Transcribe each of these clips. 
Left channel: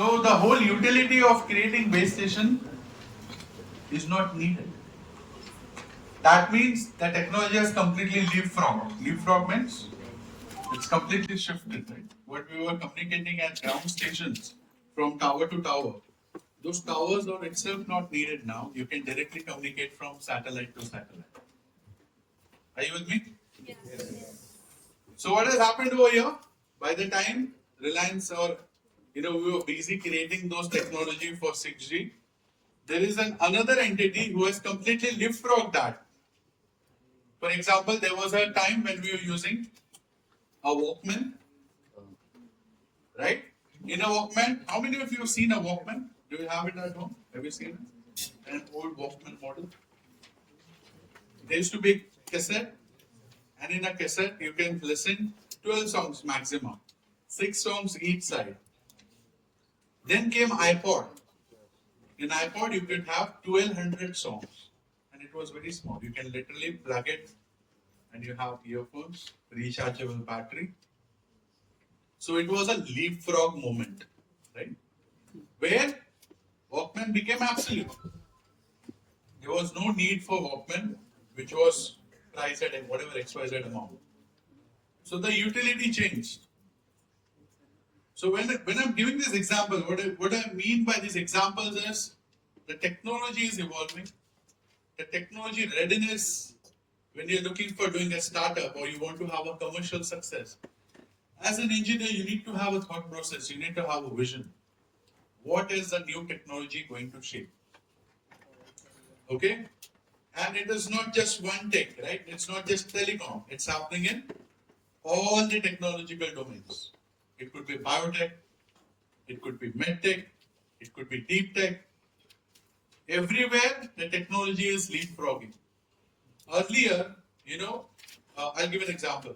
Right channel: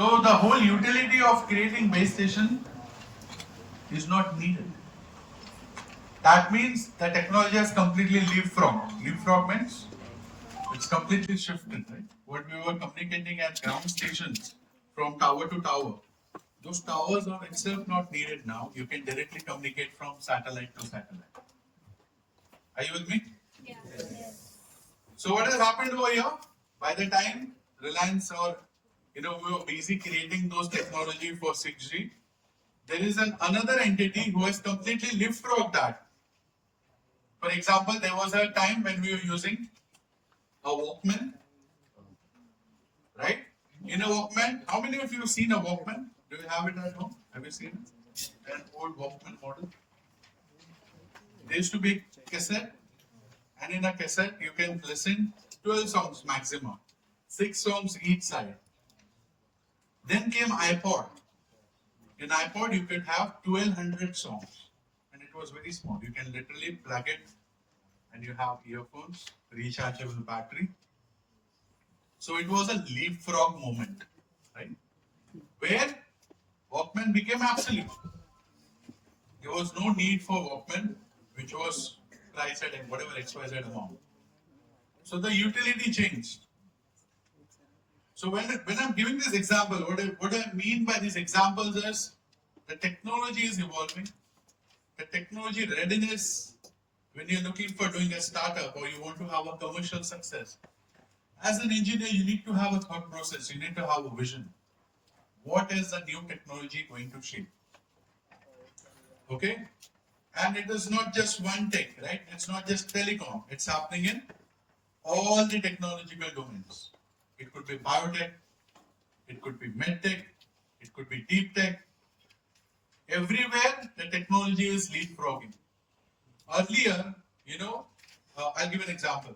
So the whole utility of creating base station is not needed. That means the technology has completely leapfrogged. Leapfrog means it's completely shifted, right? What we were communicating at ground stations from tower to tower, those towers are itself not needed now. You can directly communicate from satellite to satellite. Are you with me? So what has happened over here? By the time Reliance or we were busy creating those technology for 6G, there is another entity who has completely leapfrogged that. For example, there was a time when we were using a Walkman, right? In a Walkman, how many of you have seen a Walkman? Do you have it at home? Have you seen it? An old Walkman model. There used to be a cassette, and in a cassette you can listen 12 songs maximum, 6 songs each side. Then came iPod. In iPod you could have 1200 songs, and it was very small. You can literally plug it, and you have earphones, rechargeable battery. So it was a leapfrog moment, right? Where Walkman became absolute. There was no need for Walkman, which was priced at whatever XYZ amount. So the utility changed. So when I'm giving this example, what I mean by these examples is the technology is evolving. The technology readiness, when you're looking for doing a startup or you want to have a commercial success, as an engineer, you need to have a thought process, you need to have a vision. What is the new technology going to shape? Okay? And it is not just one tech, right? It's not just telecom. It's happening in all the technological domains. It could be biotech, it could be medtech, it could be deep tech. Everywhere the technology is leapfrogging. Earlier, I'll give an example.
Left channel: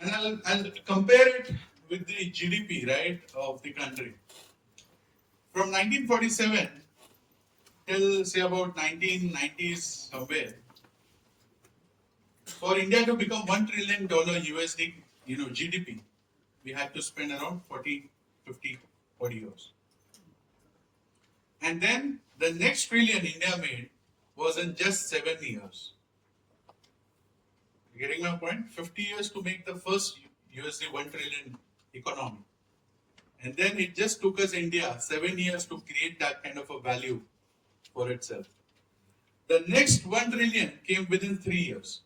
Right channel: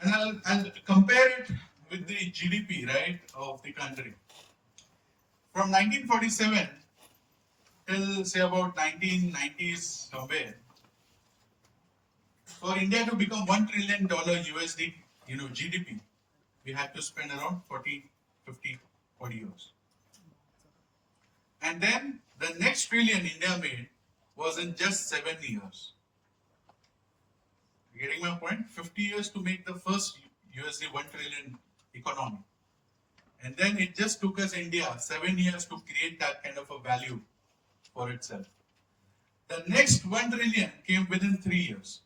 And I'll compare it with the GDP, right, of the country. From 1947 till say about 1990s somewhere, for India to become $1 trillion USD, GDP, we had to spend around 40, 50, 40 years. And then the next trillion India made was in just 7 years. You getting my point? 50 years to make the first USD 1 trillion economy. And then it just took us India 7 years to create that kind of a value for itself. The next 1 trillion came within 3 years.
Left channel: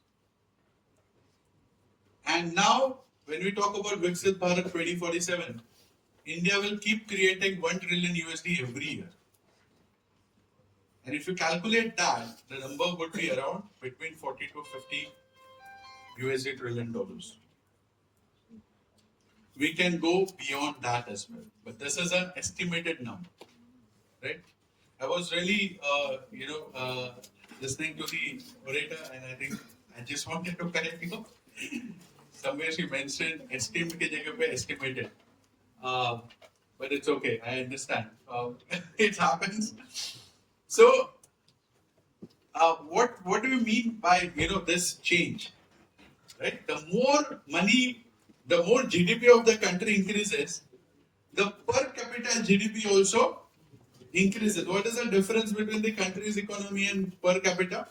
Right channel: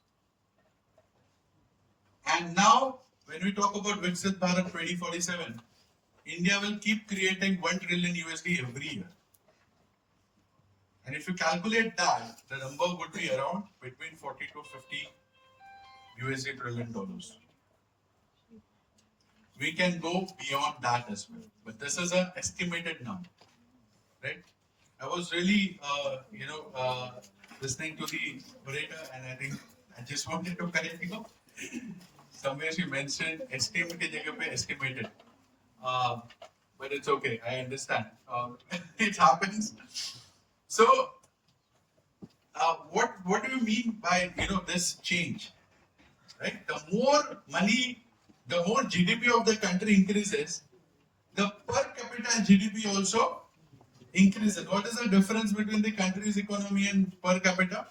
And now, when we talk about Viksit Bharat 2047, India will keep creating 1 trillion USD every year. And if you calculate that, the number would be around between 40 to 50 USD trillion dollars. We can go beyond that as well. But this is an estimated number, right? I was really, listening to the orator, and I think I just wanted to correct somewhere she mentioned estimate ke jagah pe estimated. But it's okay. I understand. It happens. So, what do you mean by this change? Right? The more money, the more GDP of the country increases, the per capita GDP also increases. What is the difference between the country's economy and per capita?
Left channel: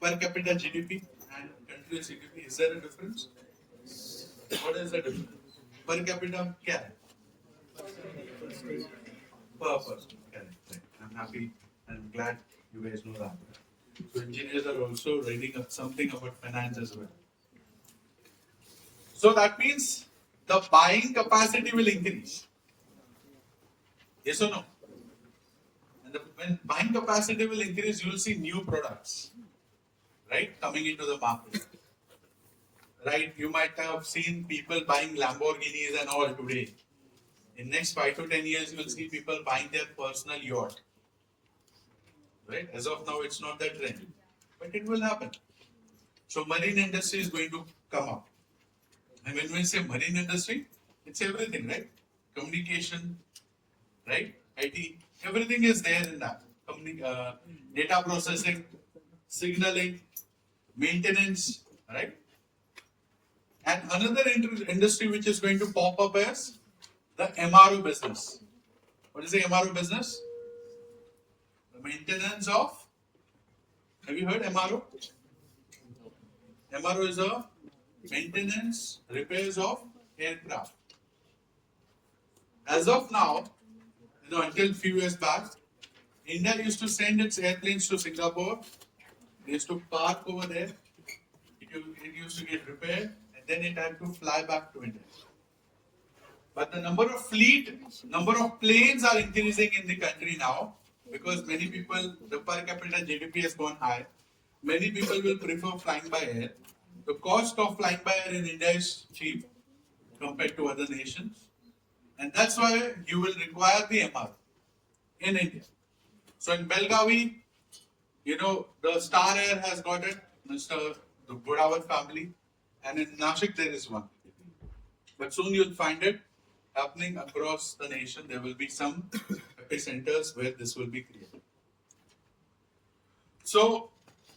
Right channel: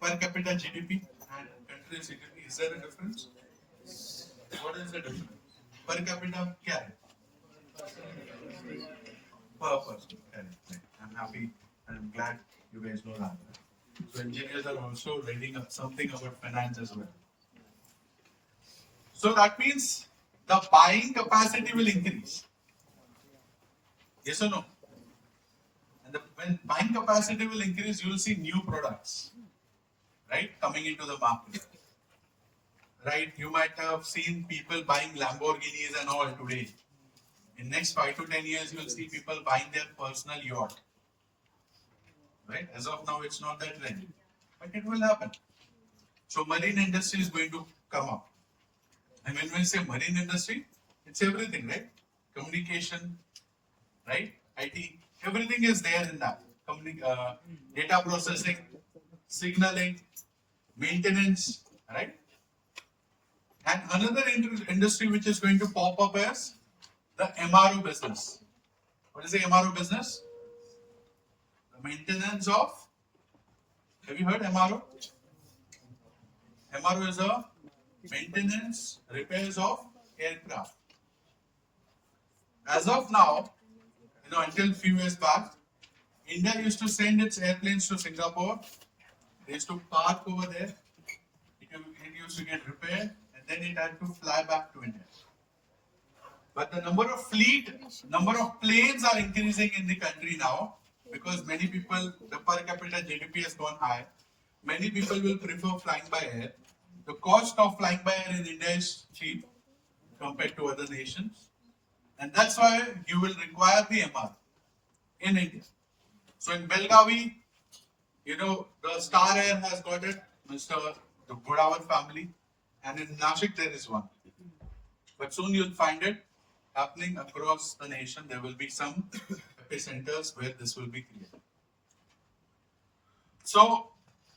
Per capita GDP and country's GDP. Is there a difference? What is the difference? Per capita, क्या है? Per person. Correct. I'm happy and I'm glad you guys know that. So engineers are also reading up something about finance as well. So that means the buying capacity will increase. Yes or no? And when buying capacity will increase, you will see new products, right, coming into the market. Right? You might have seen people buying Lamborghinis and all today. In next 5 to 10 years, you will see people buying their personal yacht. Right? As of now, it's not that trend, but it will happen. So marine industry is going to come up. And when we say marine industry, it's everything, right? Communication, right? IT, everything is there in that. Data processing, signaling, maintenance, right? And another industry which is going to pop up is the MRO business. What is the MRO business? The maintenance of, have you heard MRO? MRO is a maintenance, repairs of aircraft. As of now, until a few years back, India used to send its airplanes to Singapore. They used to park over there. It used to get repaired, and then it had to fly back to India. But the number of planes are increasing in the country now because many people, the per capita GDP has gone high. Many people will prefer flying by air. The cost of flying by air in India is cheap compared to other nations. And that's why you will require the MR in India. So in Belgavi, the Star Air has got it, the Godavar family. And in Nashik, there is one. But soon you'll find it happening across the nation. There will be some epicenters where this will be created. So,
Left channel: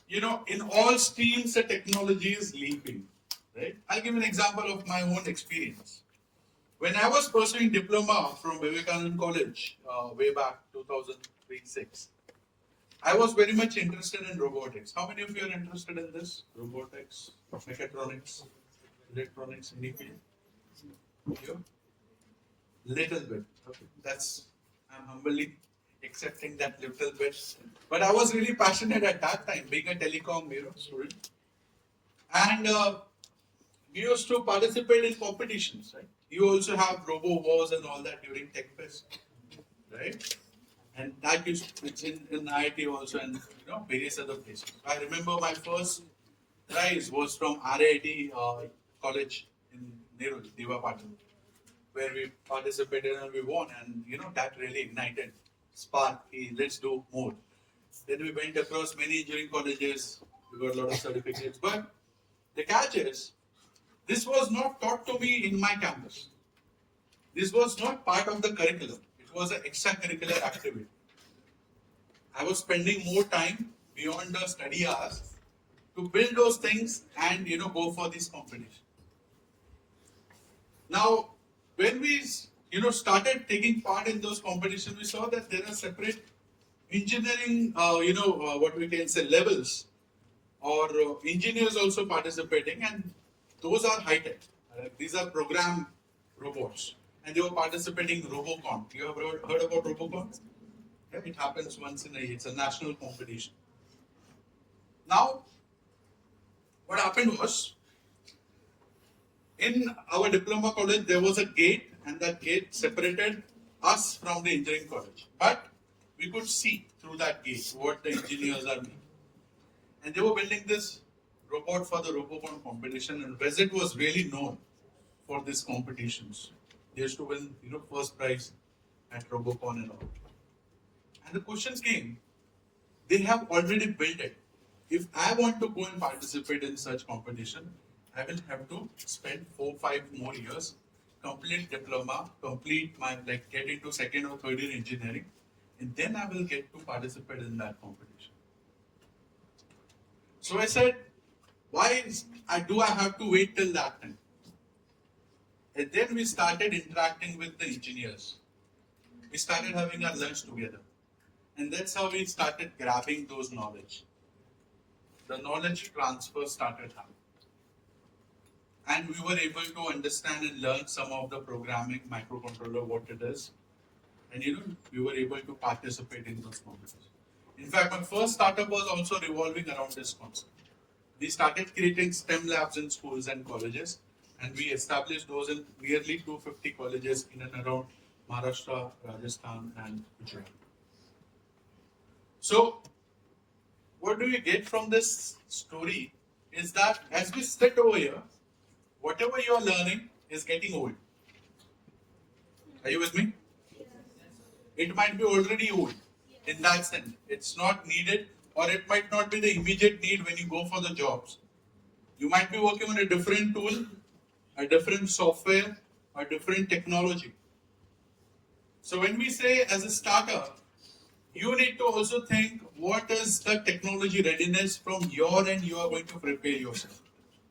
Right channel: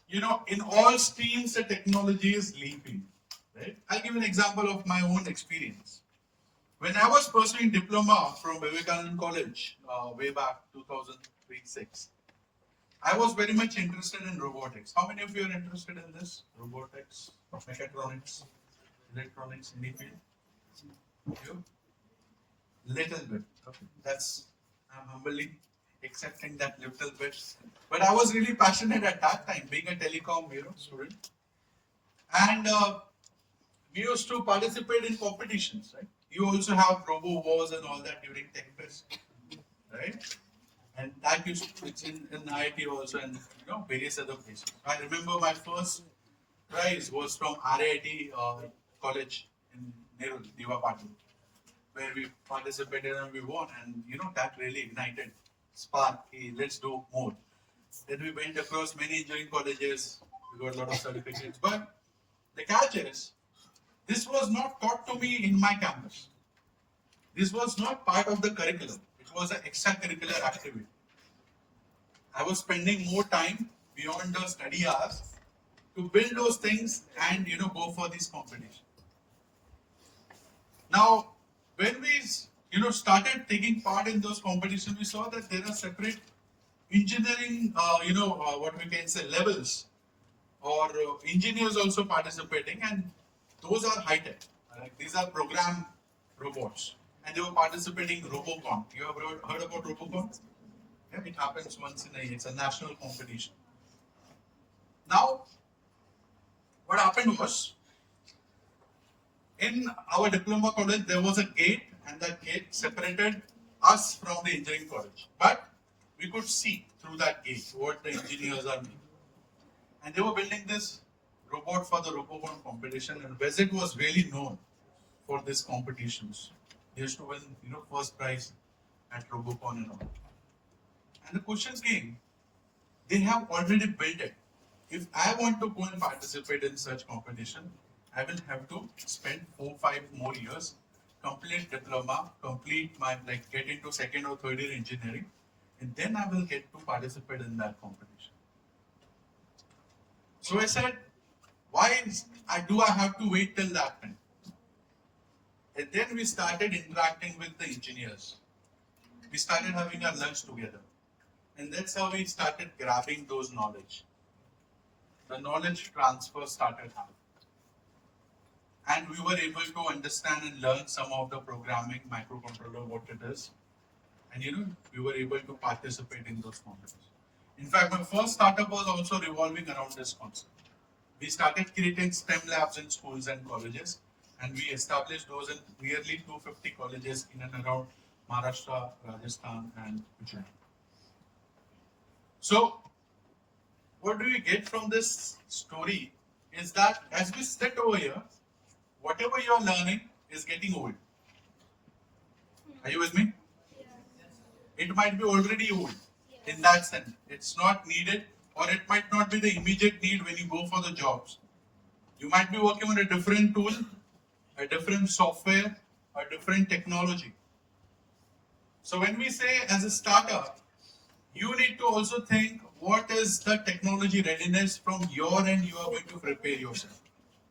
in all streams, the technology is leaping. Right? I'll give an example of my own experience. When I was pursuing diploma from Vivekananda College way back 2003-06, I was very much interested in robotics. How many of you are interested in this? Robotics, mechatronics, electronics, anything? You? Little bit. Okay. I'm humbly accepting that little bit. But I was really passionate at that time, being a telecom student. And we used to participate in competitions, right? You also have Robo Wars and all that during TechFest, right? And that it's in IIT also and various other places. I remember my first prize was from RIT College in Nerul, Diva Patil, where we participated and we won, and that really ignited spark. Let's do more. Then we went across many engineering colleges. We got a lot of certificates, but the catch is, this was not taught to me in my campus. This was not part of the curriculum. It was an extracurricular activity. I was spending more time beyond the study hours to build those things and go for this competition. Now, when we started taking part in those competitions, we saw that there are separate engineering, what we can say levels, or engineers also participating, and those are high tech. These are program robots, and they were participating in Robocon. You have heard about Robocon? Yeah, it happens once in a year. It's a national competition. Now, what happened was, in our diploma college, there was a gate, and that gate separated us from the engineering college. But we could see through that gate what the engineers are doing. And they were building this robot for the Robocon competition, and Vezet was really known for these competitions. They used to win, first prize at Robocon and all. And the question came, they have already built it. If I want to go and participate in such competition, I will have to spend 4-5 more years, complete diploma, complete my get into second or third year engineering, and then I will get to participate in that competition. So I said, why do I have to wait till that time? And then we started interacting with the engineers. We started having our lunch together. And that's how we started grabbing those knowledge. The knowledge transfer started happening. And we were able to understand and learn some of the programming, microcontroller, what it is. And we were able to participate in those competitions. In fact, my first startup was also revolving around this concept. We started creating STEM labs in schools and colleges, and we established those in nearly 250 colleges in and around Maharashtra, Rajasthan, and Gujarat. So, what do we get from this story is that as we sit over here, whatever you are learning is getting old. Are you with me? It might be already old in that sense. It's not needed, or it might not be the immediate need when you go for the jobs. You might be working on a different tool, a different software, a different technology. So when we say as a startup, you need to also think what is the technology readiness from your end you are going to prepare yourself.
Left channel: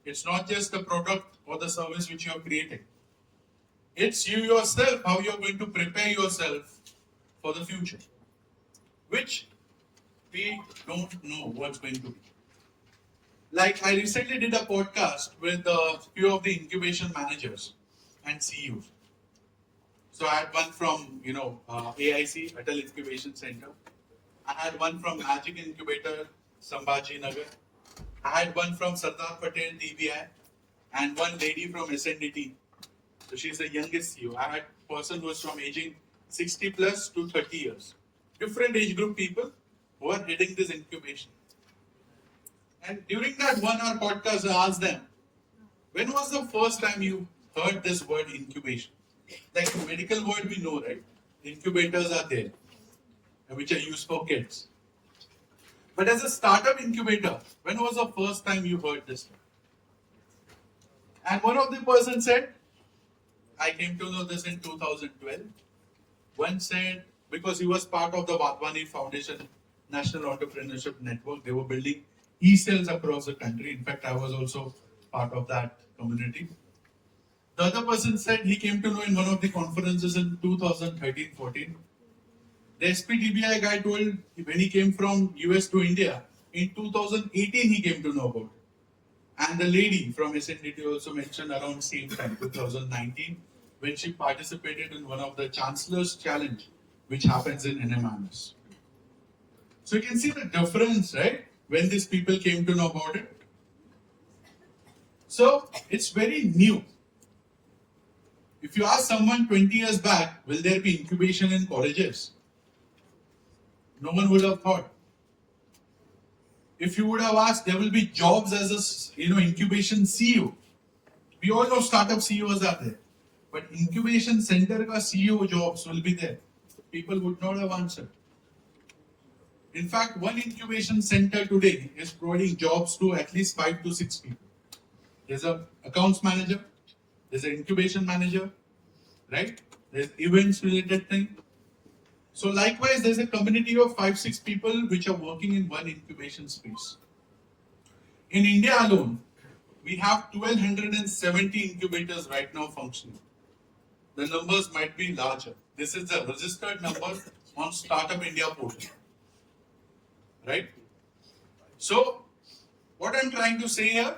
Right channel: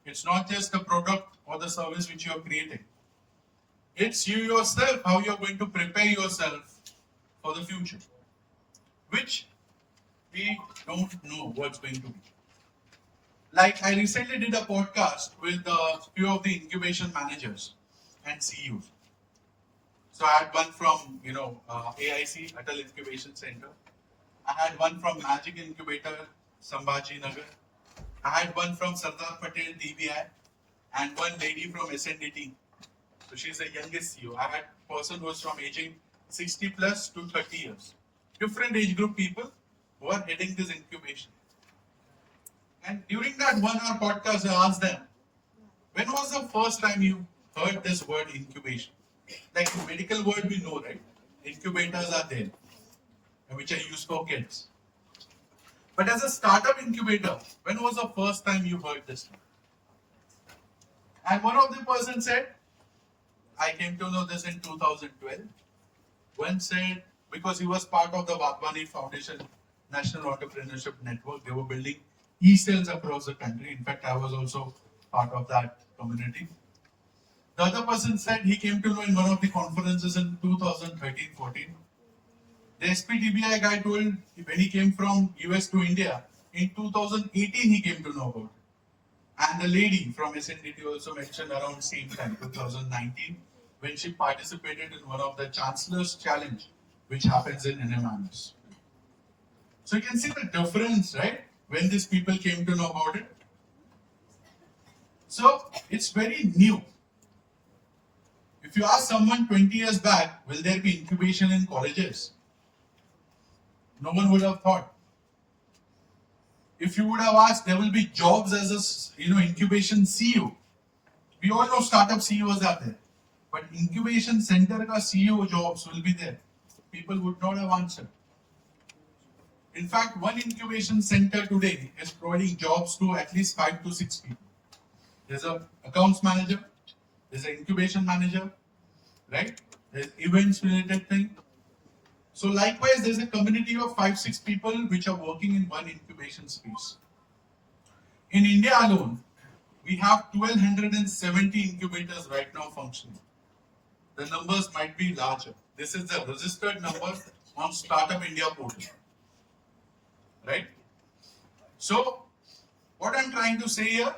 It's not just the product or the service which you are creating. It's you yourself, how you're going to prepare yourself for the future, which we don't know what's going to be. Like I recently did a podcast with a few of the incubation managers and CEOs. So I had one from AIC, Atal Incubation Center. I had one from Magic Incubator, Sambhaji Nagar. I had one from Sardar Patel TBI, and one lady from SNDT. So she's the youngest CEO. I had a person who was from aging 60 plus to 30 years. Different age group people who are heading this incubation. And during that 1 hour podcast, I asked them, when was the first time you heard this word incubation? Like the medical word we know, right? Incubators are there, which are used for kids. But as a startup incubator, when was the first time you heard this? And one of the person said, I came to know this in 2012. One said, because he was part of the Wadhwani Foundation National Entrepreneurship Network, they were building e-cells across the country. In fact, I was also part of that community. The other person said he came to know in one of the conferences in 2013-14. The SPTBI guy told when he came from US to India, in 2018 he came to know about it. And the lady from SNDT also mentioned around same time, 2019, when she participated in one of the Chancellor's Challenge, which happens in NMIMS. So you can see the difference, right? When these people came to know about it. So it's very new. If you ask someone 20 years back, will there be incubation in colleges? No one would have thought. If you would have asked, there will be jobs as a incubation CEO. We all know startup CEOs are there, but incubation center ka CEO jobs will be there. People would not have answered. In fact, one incubation center today is providing jobs to at least 5 to 6 people. There's an accounts manager, there's an incubation manager, right? There's events related thing. So likewise, there's a community of 5-6 people which are working in one incubation space. In India alone, we have 1,270 incubators right now functioning. The numbers might be larger. This is the registered number on Startup India portal. Right? So, what I'm trying to say here,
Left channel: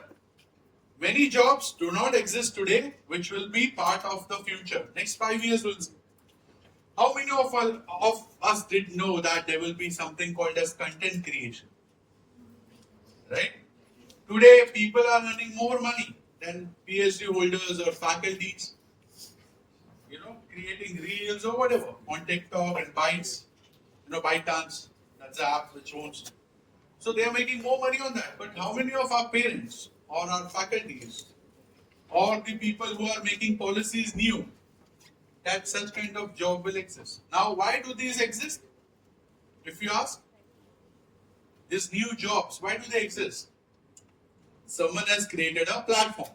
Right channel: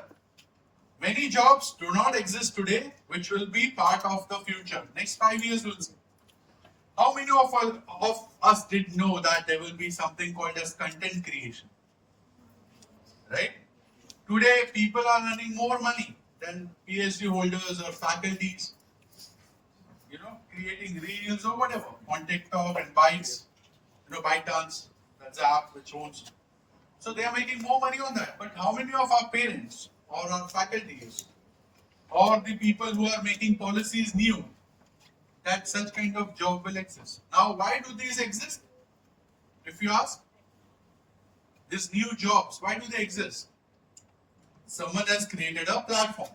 many jobs do not exist today, which will be part of the future. Next 5 years, we'll see. How many of us did know that there will be something called as content creation? Right? Today, people are earning more money than PhD holders or faculties, creating reels or whatever on TikTok and Bytes, ByteDance, that's the app which owns. So they are making more money on that. But how many of our parents or our faculties or the people who are making policies knew that such kind of job will exist? Now, why do these exist? If you ask, these new jobs, why do they exist? Someone has created a platform.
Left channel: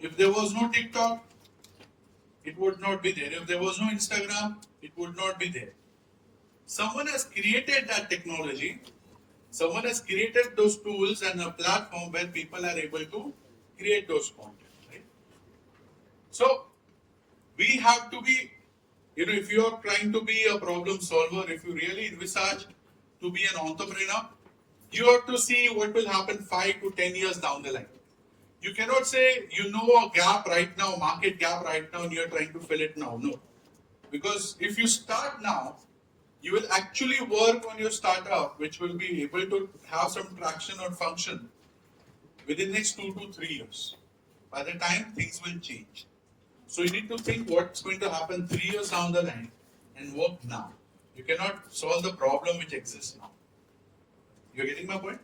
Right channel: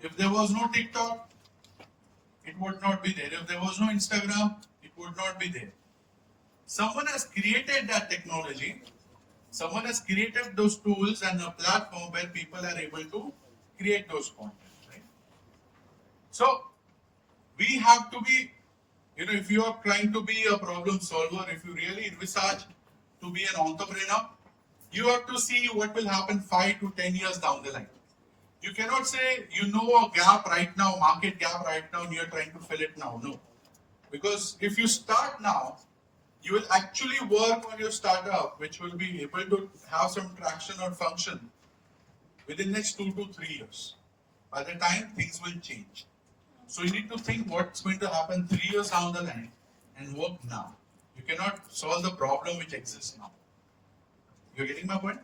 If there was no TikTok, it would not be there. If there was no Instagram, it would not be there. Someone has created that technology. Someone has created those tools and a platform where people are able to create those content. Right? So, we have to be, if you are trying to be a problem solver, if you really envisage to be an entrepreneur, you have to see what will happen 5 to 10 years down the line. You cannot say you know a gap right now, market gap right now, and you are trying to fill it now. No. Because if you start now, you will actually work on your startup, which will be able to have some traction or function within the next 2 to 3 years. By the time things will change. So you need to think what's going to happen 3 years down the line and work now. You cannot solve the problem which exists now. You're getting my point?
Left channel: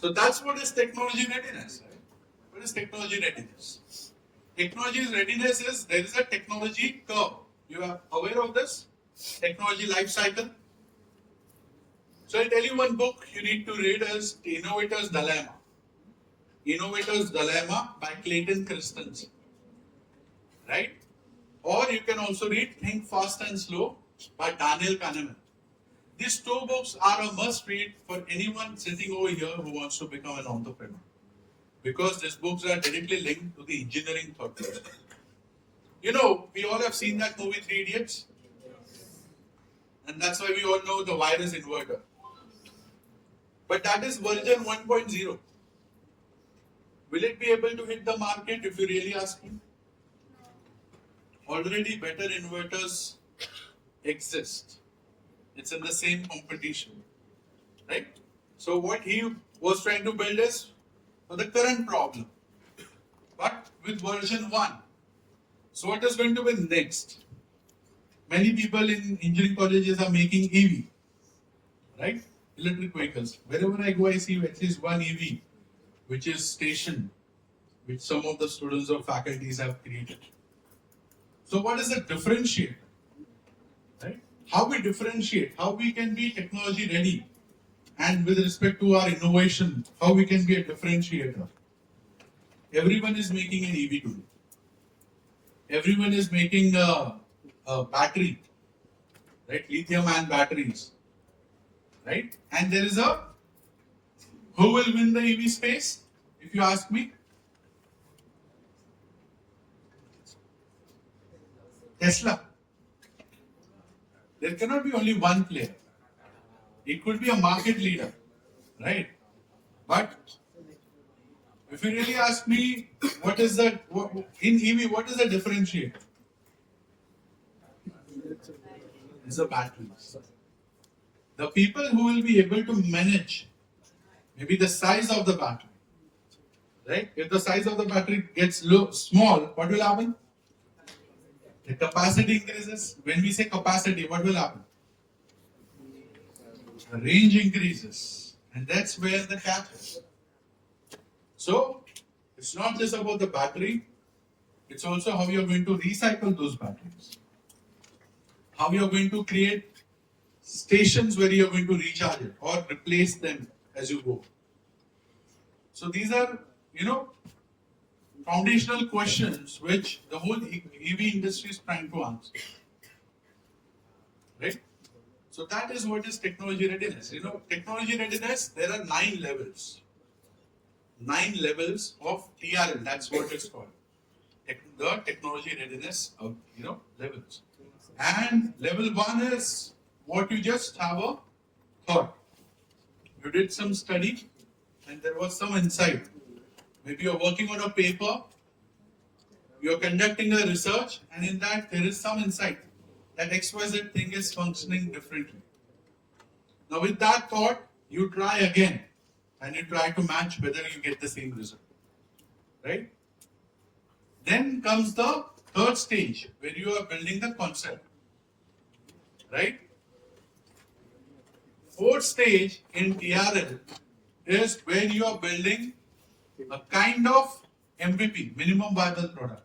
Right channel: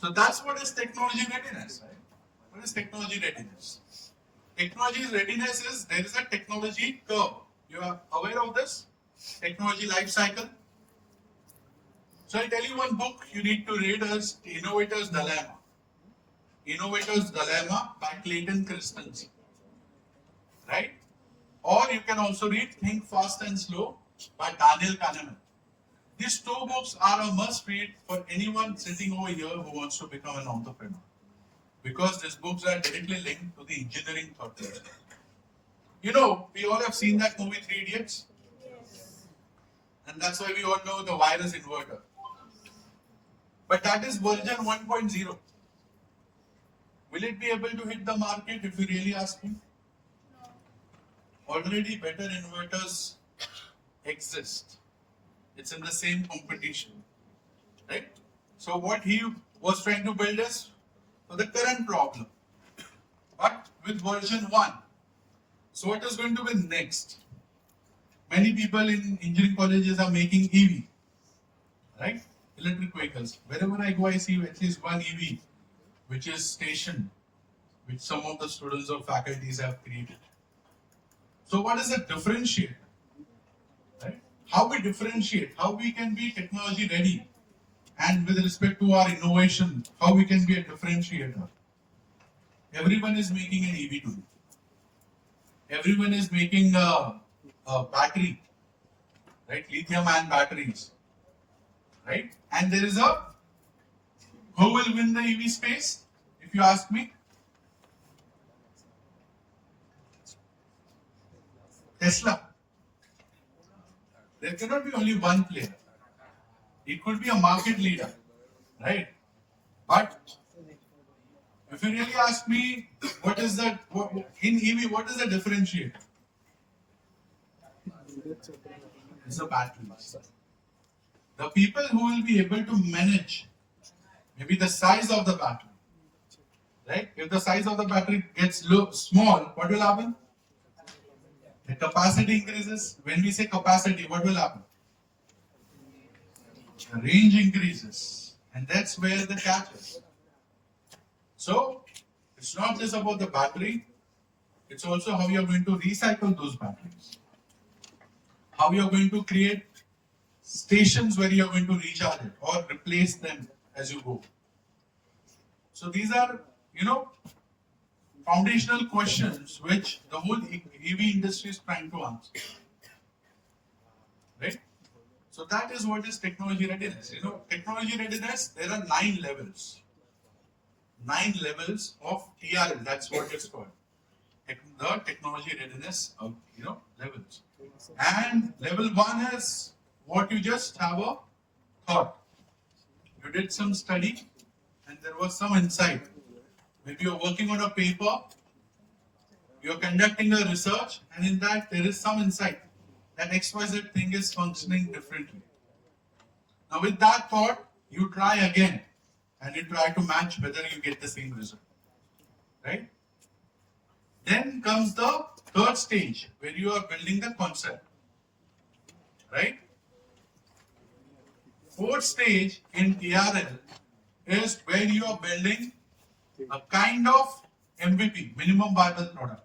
So that's what is technology readiness, right? What is technology readiness? Technology readiness is, there is a technology curve. You are aware of this? Technology life cycle. So I'll tell you one book you need to read as Innovator's Dilemma. Innovator's Dilemma by Clayton Christensen. Right? Or you can also read Think Fast and Slow by Daniel Kahneman. These two books are a must read for anyone sitting over here who wants to become an entrepreneur. Because these books are directly linked to the engineering purpose. You know, we all have seen that movie Three Idiots. And that's why we all know the virus inverter. But that is version 1.0. Will it be able to hit the market if you really ask me? Already better inverters exist. It's in the same competition. Right? So what he was trying to build is for the current problem. But with version 1. So what is going to be next? Many people in engineering colleges are making EV, right? Electric vehicles. Wherever I go, I see at least one EV, which is stationed, which some of the students or faculties have created. So what is the differentiator? Right? How we differentiate, how we can be technology ready, and with respect to our innovation, how we can be a differentiator. Everyone is making an EV today. Everyone is making a battery, right? Lithium-ion batteries, right? And there is a who will win the EV space? If you ask me, Tesla. There cannot be only one player. It could be a market leader, right? But if you really ask me, what is the in EV? What is the differentiator? It's the batteries. The people who will be able to manage maybe the size of the battery, right? If the size of the battery gets small, what will happen? The capacity increases. When we say capacity, what will happen? The range increases. And that's where the catch is. So, it's not just about the battery, it's also how you're going to recycle those batteries. How you're going to create stations where you're going to recharge it or replace them as you go. So these are, foundational questions which the whole EV industry is trying to answer. Right? So that is what is technology readiness. Technology readiness, there are 9 levels. 9 levels of TRL, that's what it's called. The technology readiness of, levels. And level 1 is what you just have a thought. You did some study and there was some insight. Maybe you're working on a paper, you're conducting a research, and in that there is some insight that XYZ thing is functioning differently. Now with that thought, you try again and you try to match whether you get the same result. Right? Then comes the third stage where you are building the concept. Right? Fourth stage in TRL is where you are building a kind of MVP, minimum viable product.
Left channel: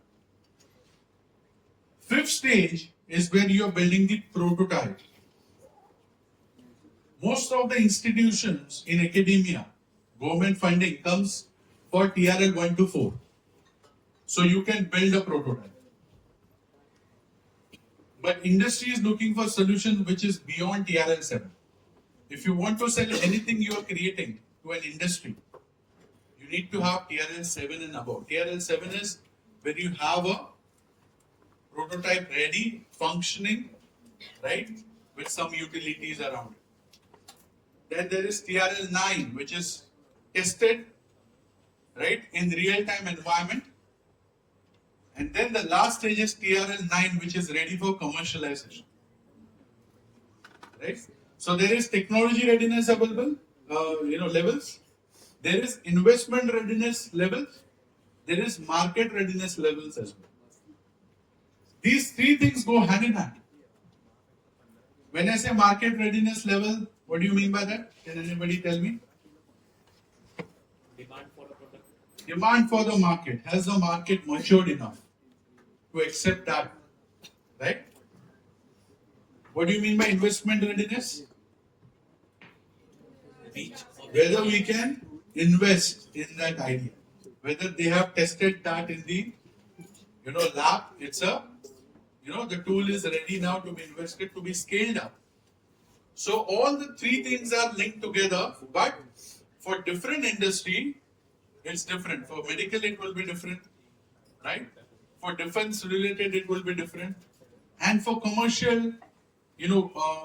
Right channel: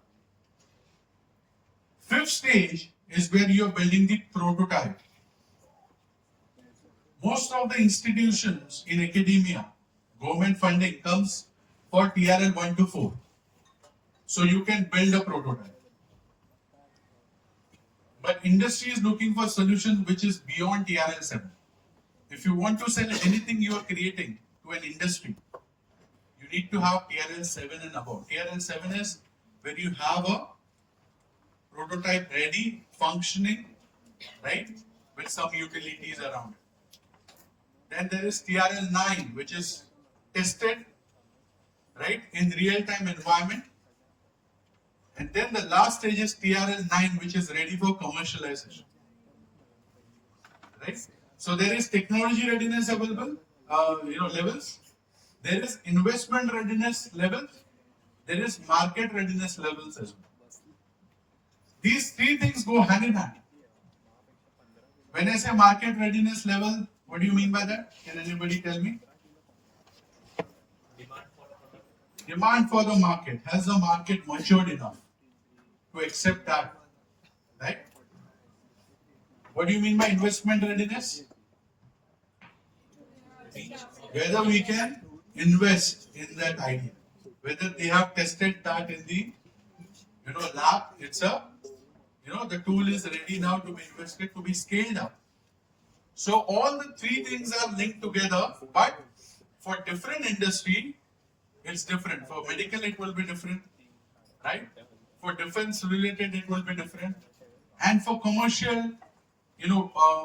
Fifth stage is where you are building the prototype. Most of the institutions in academia, government funding comes for TRL 1 to 4. So you can build a prototype. But industry is looking for a solution which is beyond TRL 7. If you want to sell anything you are creating to an industry, you need to have TRL 7 and above. TRL 7 is where you have a prototype ready, functioning, right, with some utilities around it. Then there is TRL 9, which is tested, right, in real-time environment. And then the last stage is TRL 9, which is ready for commercialization. Right? So there is technology readiness available, levels. There is investment readiness levels. There is market readiness levels as well. These 3 things go hand in hand. When I say market readiness level, what do you mean by that? Can anybody tell me? Demand for the market. Has the market matured enough to accept that? Right? What do you mean by investment readiness? Whether we can invest in that idea. Whether they have tested that in the lab, it's the tool is ready now to be invested, to be scaled up. So all the three things are linked together, but for different industry, it's different. For medical, it will be different, right? For defense related, it will be different. And for commercial,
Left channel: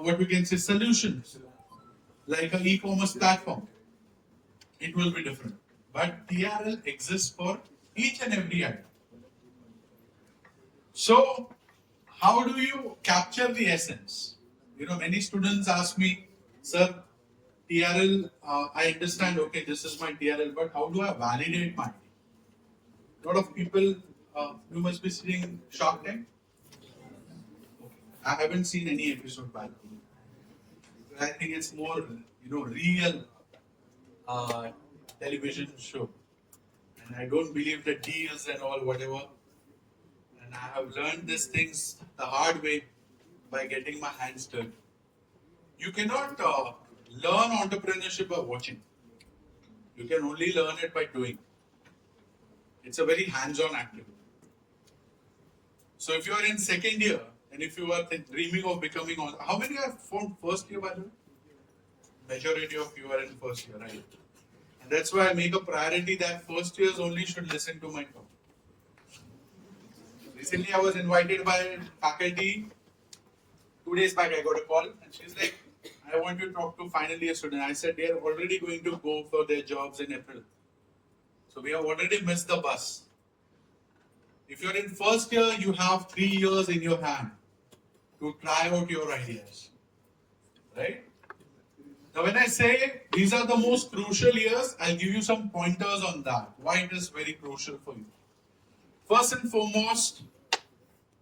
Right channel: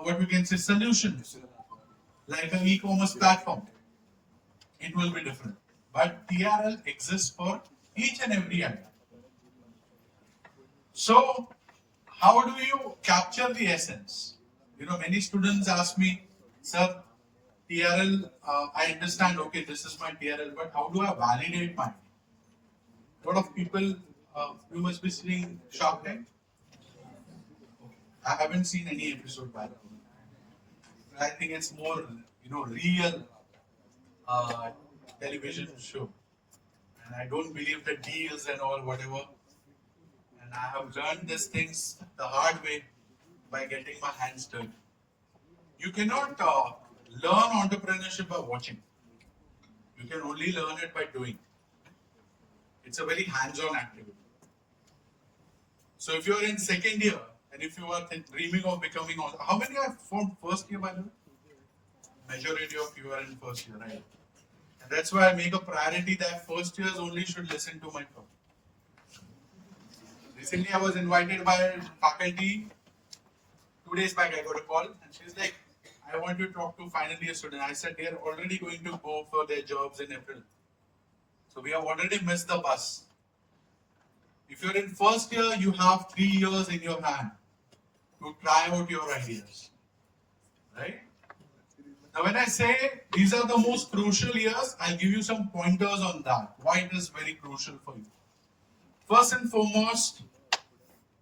what we can say solutions, like an e-commerce platform, it will be different. But TRL exists for each and every item. So, how do you capture the essence? Many students ask me, sir, TRL, I understand, okay, this is my TRL, but how do I validate my idea? A lot of people, you must be seeing Shark Tank. I haven't seen any episode by the way. I think it's more, real television show. And I don't believe the deals and all, whatever. And I have learned these things the hard way by getting my hands dirty. You cannot learn entrepreneurship by watching. You can only learn it by doing. It's a very hands-on activity. So if you are in second year, and if you are dreaming of becoming, how many are from first year by the way? Majority of you are in first year, right? And that's why I make a priority that first years only should listen to my talk. Recently, I was invited by faculty. 2 days back, I got a call, and she's like, I want to talk to final year student. I said they are already going to go for their jobs in April. So we have already missed the bus. If you're in first year, you have 3 years in your hand to try out your ideas. Right? Now when I say these are the most crucial years, I'll give you some pointers on that. Why it is very crucial for you. First and foremost,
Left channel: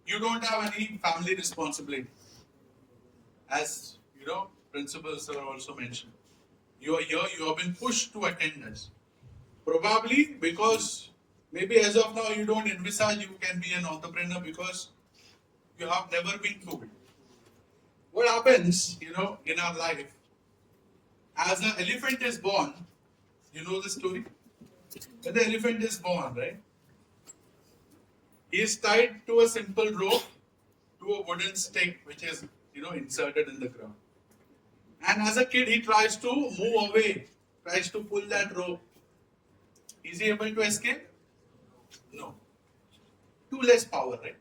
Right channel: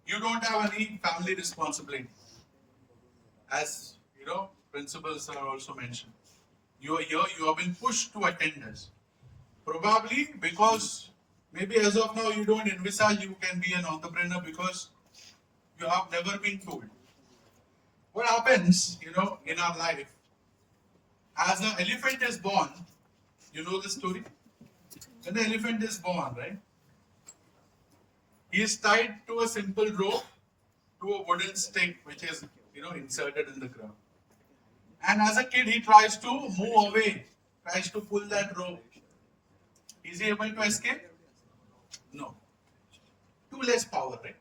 you don't have any family responsibility. As principal sir also mentioned. You are here, you have been pushed to attend this. Probably because maybe as of now you don't envisage you can be an entrepreneur because you have never been through it. What happens, in our life, as an elephant is born, you know the story? When the elephant is born, right? He is tied to a simple rope to a wooden stick which is, inserted in the ground. And as a kid, he tries to move away, tries to pull that rope. Is he able to escape? No. Too less power, right?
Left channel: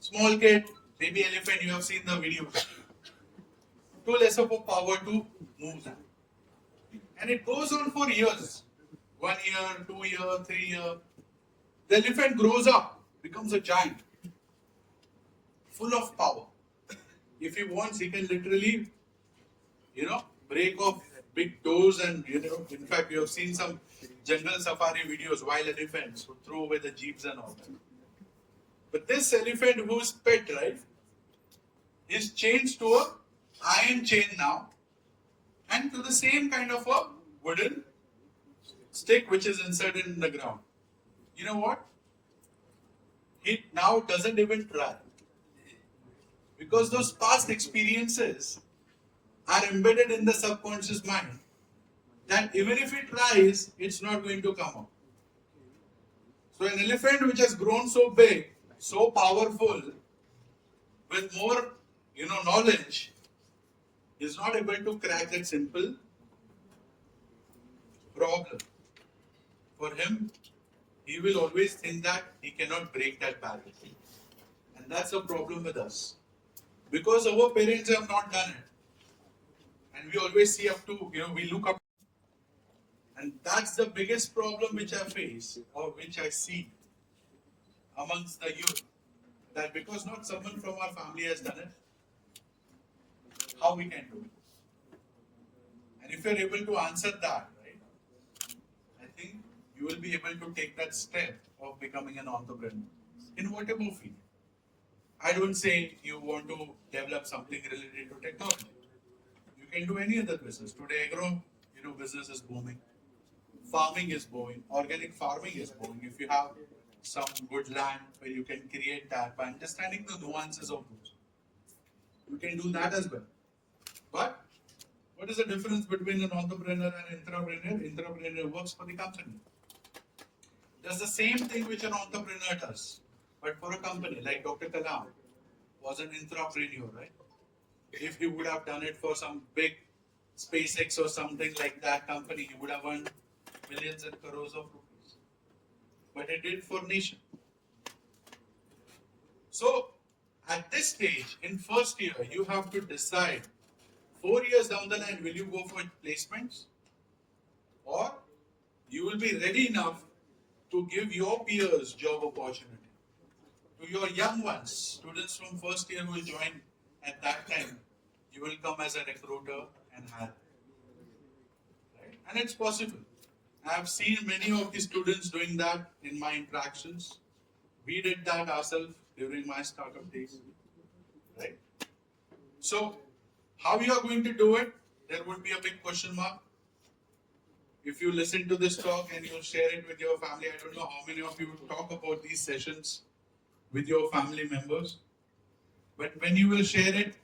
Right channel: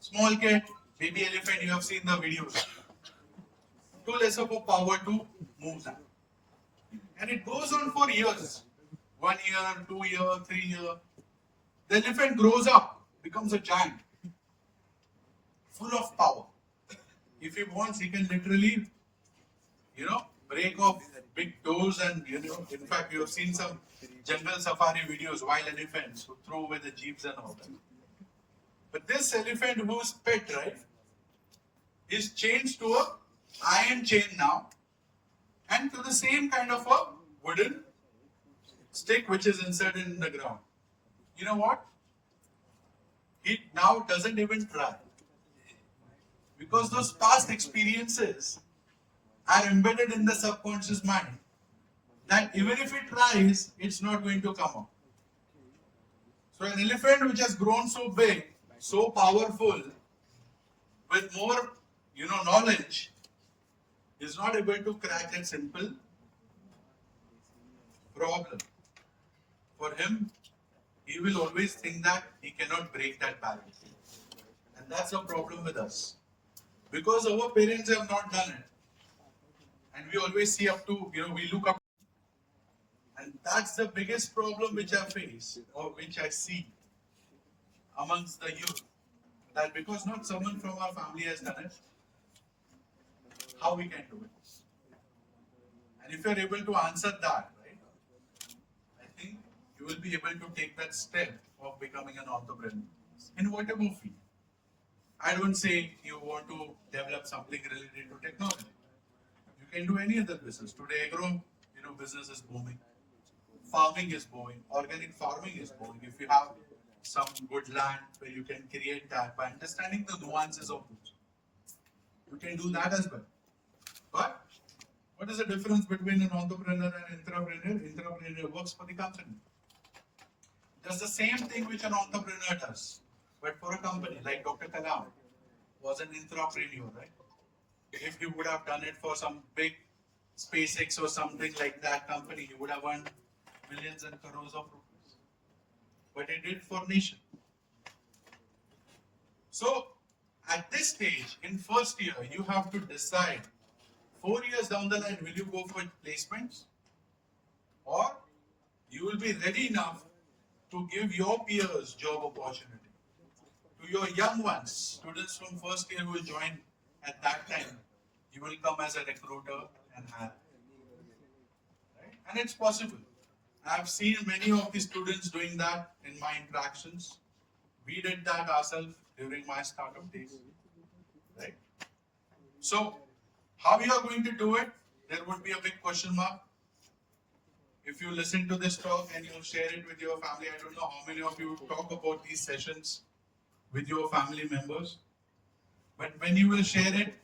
Small kid, baby elephant, you have seen the videos. Too less of a power to move that. And it goes on for years. 1 year, 2 years, 3 years. The elephant grows up, becomes a giant. Full of power. If he wants, he can literally, break off big doors and, in fact, you have seen some jungle safari videos, wild elephants who throw away the jeeps and all that. But this elephant who's pet, right, is changed to a iron chain now and to the same kind of a wooden stick which is inserted in the ground. You know what? He now doesn't even try. Because those past experiences are embedded in the subconscious mind. That even if it tries, it's not going to come up. So an elephant which has grown so big, so powerful, with more, knowledge, is not able to crack that simple problem. For him, he will always think that he cannot break that barrier. And that's a problem with us. Because our parents have not done it. And we always see up to, we look up. And that's the biggest problem which I face or which I see amongst the youth. That because not someone from our family has done it, how we can do it. And if you're able to answer that, right, I think you will be able to take that step of becoming an entrepreneur in whatever field. I don't say you want to develop something related to technology. You can do any other business. Today, agro, business is booming. Farming is booming. Organic farming is booming. If you have some good land where you can create that by understanding the nuances of those, you can do that as well. But what is the difference between an entrepreneur and intrapreneur? Intrapreneur works for the company. Does the same thing which an entrepreneur does. But for a company like Dr. Kalam was an intrapreneur, right? If he would have done it for some big SpaceX or something like that company, he would have earned millions and crores of rupees. But he did for nation. So at this stage, in first year, you have to decide 4 years down the line, will you go for placements, or you will be ready enough to give your peers job opportunity. To your young ones, students from first year who will join at that time, you will come as a recruiter and hire. Right? And it's possible. I've seen many of the students doing that in my interactions. We did that ourselves during my startup days. Right? So, how you are going to do it? There would be a big question mark. If you listen to this talk and you share it with your family, I don't know how many of you talk about these sessions with your family members. But when you will share it,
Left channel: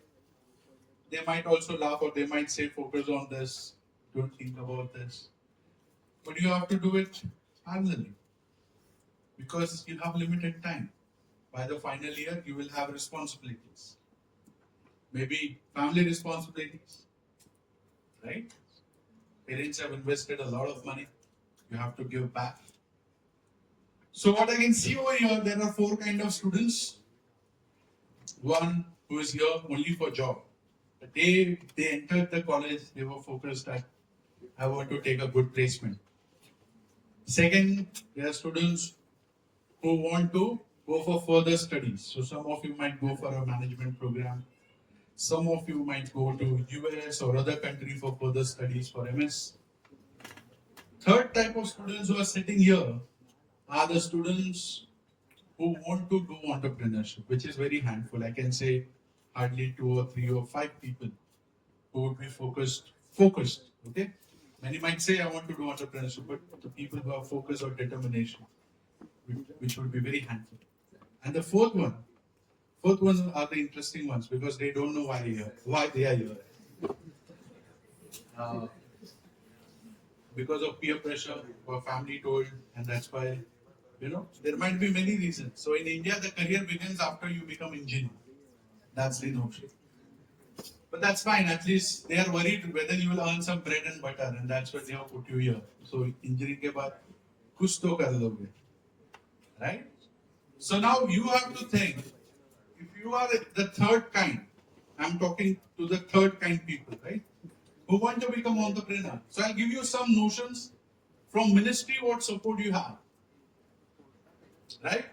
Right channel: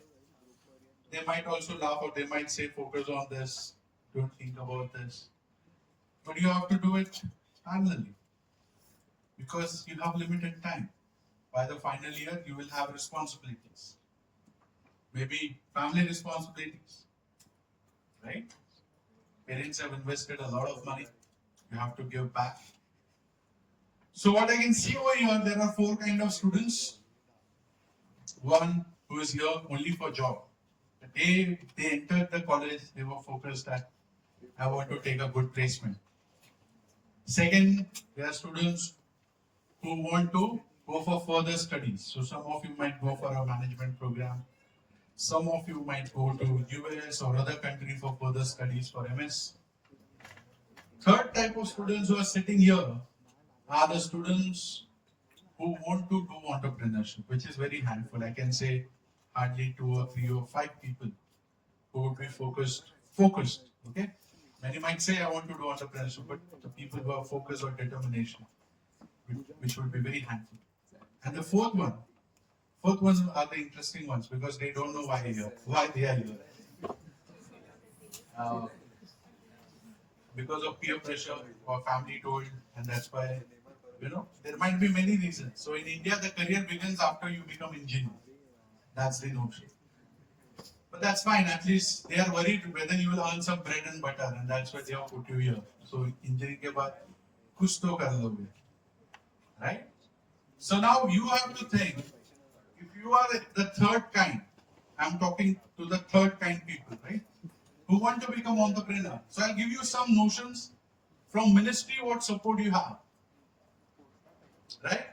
they might also laugh or they might say, focus on this, don't think about this. But you have to do it parallelly because you have limited time. By the final year, you will have responsibilities. Maybe family responsibilities, right? Parents have invested a lot of money. You have to give back. So what I can see over here, there are 4 kind of students. One who is here only for job. The day they entered the college, they were focused that I want to take a good placement. Second, there are students who want to go for further studies. So some of you might go for a management program. Some of you might go to US or other country for further studies for MS. Third type of students who are sitting here are the students who want to do entrepreneurship, which is very handful. I can say hardly 2 or 3 or 5 people who would be focused. Okay. Many might say I want to do entrepreneurship, but the people who are focused or determination, which would be very handful. And the fourth ones are the interesting ones because they don't know why they are here. Because of peer pressure or family told, and that's why, there might be many reasons. So in India, the career begins after you become engineer. That's the notion. But that's fine. At least they are worried whether you will earn some bread and butter, and that's why they have put you here. So engineering ke baad kuch to kar loge, right? So now you have to think. If you are the third kind, I'm talking to the third kind people, right? Who want to become entrepreneur. So I'll give you some notions from ministry what support you have, right?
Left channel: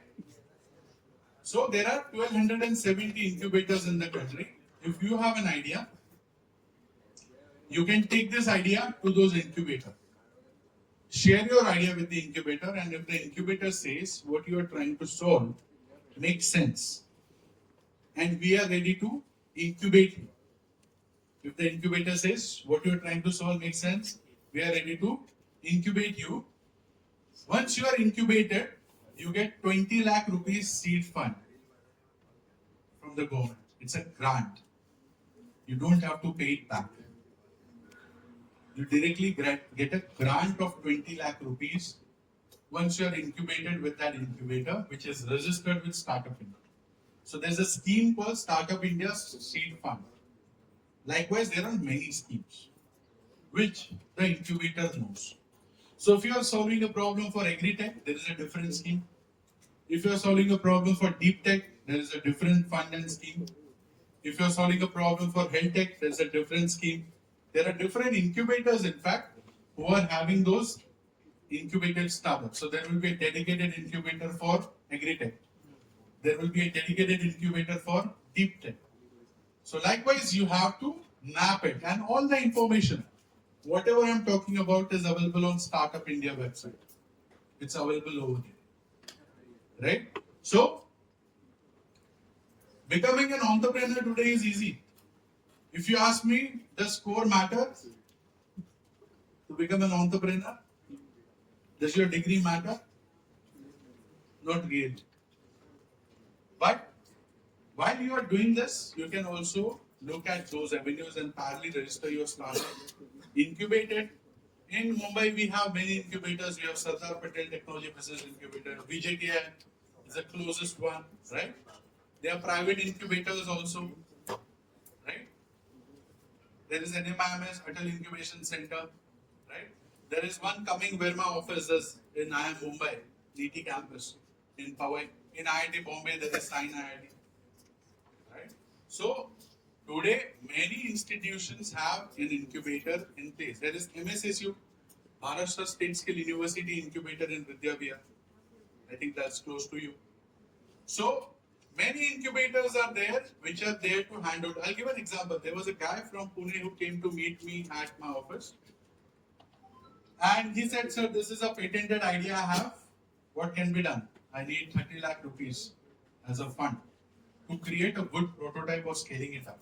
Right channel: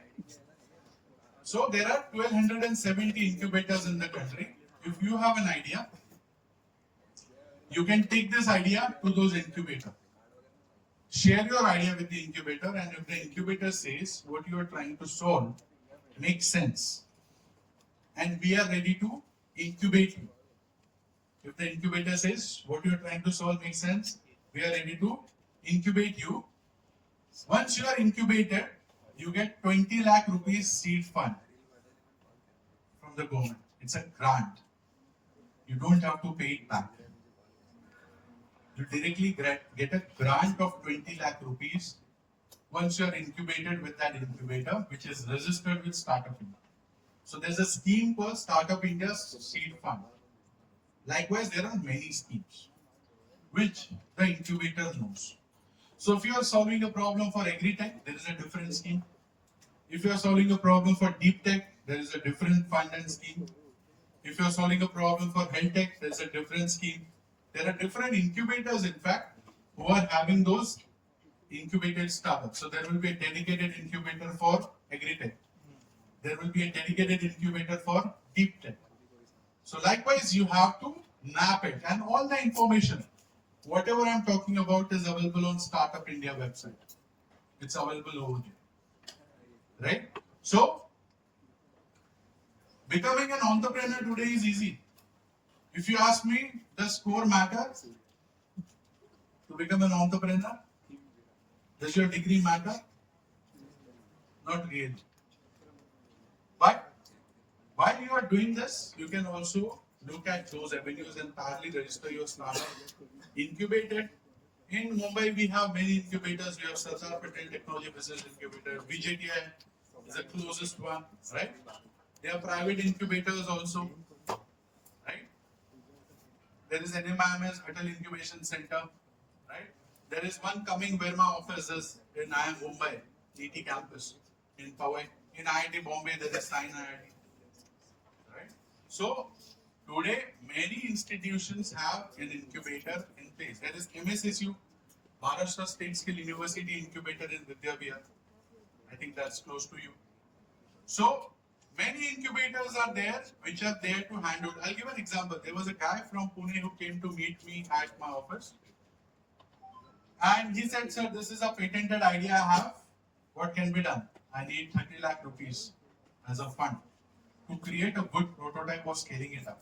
So there are 1270 incubators in the country. If you have an idea, you can take this idea to those incubators. Share your idea with the incubator, and if the incubator says what you are trying to solve makes sense, and we are ready to incubate you. If the incubator says what you are trying to solve makes sense, we are ready to incubate you. Once you are incubated, you get 20 lakh rupees seed fund from the government. It's a grant. You don't have to pay it back. You directly get a grant of 20 lakh rupees once you are incubated with that incubator, which is registered with Startup India. So there's a scheme called Startup India Seed Fund. Likewise, there are many schemes which the incubator knows. So if you are solving a problem for agri-tech, there is a different scheme. If you are solving a problem for deep tech, there is a different fund and scheme. If you are solving a problem for health tech, there is a different scheme. There are different incubators, in fact, who are having those incubated startups. So there will be a dedicated incubator for agri-tech. There will be a dedicated incubator for deep tech. So likewise, you have to map it, and all the information, whatever I'm talking about, is available on Startup India website. It's available over here, right? So becoming an entrepreneur today is easy. If you ask me, does score matter to become an entrepreneur? Does your degree matter? Not really. But while you are doing this, you can also look at those avenues and parallelly register your startup. Incubated. In Mumbai, we have many incubators. We have Sardar Patel Technology Business Incubator. VJTI is the closest one, right? There are private incubators also, right? There is NMIMS, Atal Incubation Center, right? There is one coming Verma offices in IIM Mumbai, DT campus, in Powai. In IIT Bombay, there is Sign IIT, right? So today, many institutions have an incubator in place. There is MSSU, Maharashtra State Skill University Incubator in Vidyavihar. I think that's close to you. So many incubators are there which are there to hand out. I'll give an example. There was a guy from Pune who came to meet me at my office. And he said, sir, this is a patented idea I have. What can be done? I need 30 lakh rupees as a fund to create a good prototype of scaling it up.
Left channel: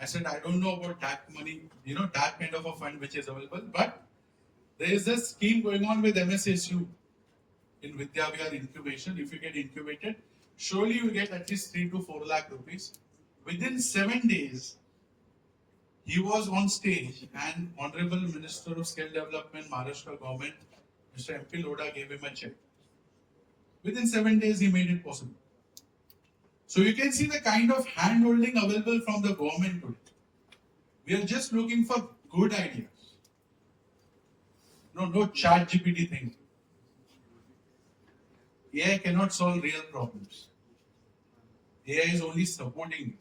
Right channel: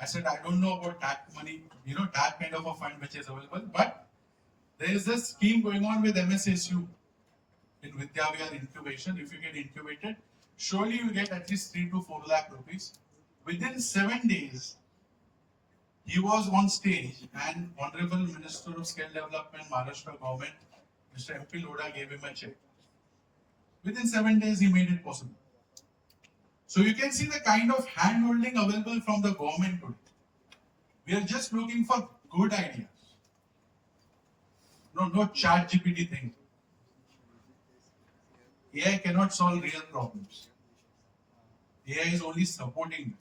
I said, I don't know about that money, that kind of a fund which is available, but there is a scheme going on with MSSU in Vidyavihar incubation. If you get incubated, surely you get at least 3 to 4 lakh rupees. Within 7 days, he was on stage and Honorable Minister of Skill Development, Maharashtra government, Mr. MP Lodha gave him a check. Within 7 days, he made it possible. So you can see the kind of hand-holding available from the government today. We are just looking for good ideas. No chat GPT thing. AI cannot solve real problems. AI is only supporting you.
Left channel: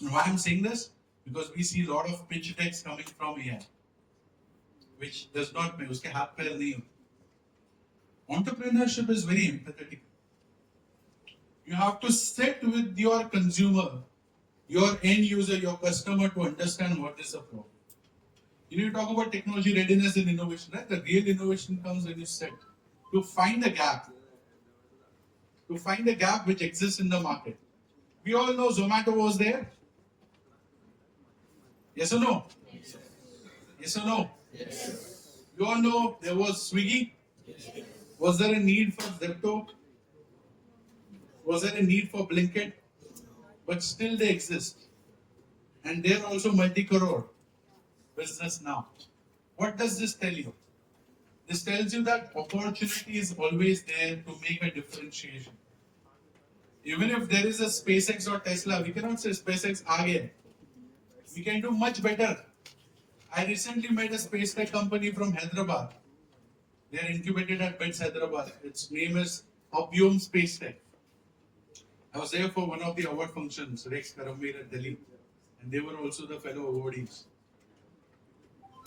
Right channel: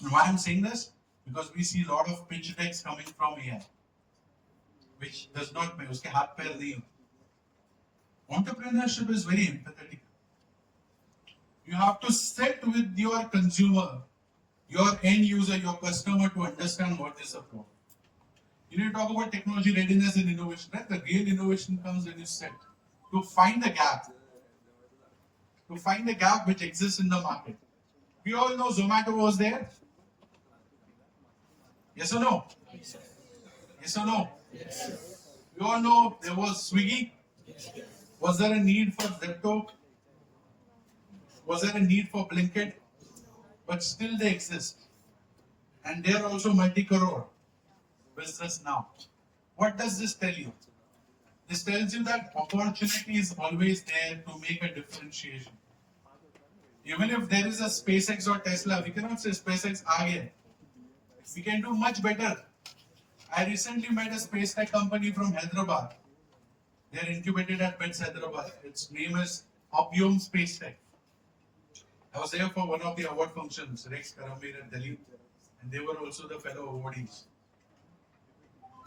And why I'm saying this? Because we see a lot of pitch decks coming from AI, which does not pay. Uske haath pair nahi. Entrepreneurship is very empathetic. You have to sit with your consumer, your end user, your customer to understand what is the problem. You talk about technology readiness and innovation, right? The real innovation comes when you sit to find the gap. To find the gap which exists in the market. We all know Zomato was there. Yes or no? Yes or no? Yes. We all know there was Swiggy. Yes. Was there a need for Zepto? Was there a need for Blinkit? But still they exist. And they are also multi-crore business now. What does this tell you? This tells you that opportunity is always there to make a differentiation. Even if there is a SpaceX or Tesla, we cannot say SpaceX aa gaya. We can do much better. I recently met a space tech company from Hyderabad. They are incubated at BITS Hyderabad. Its name is Upyom Space Tech. I was there for one of the award functions, Rex Karamir at Delhi, and they were also the fellow awardees.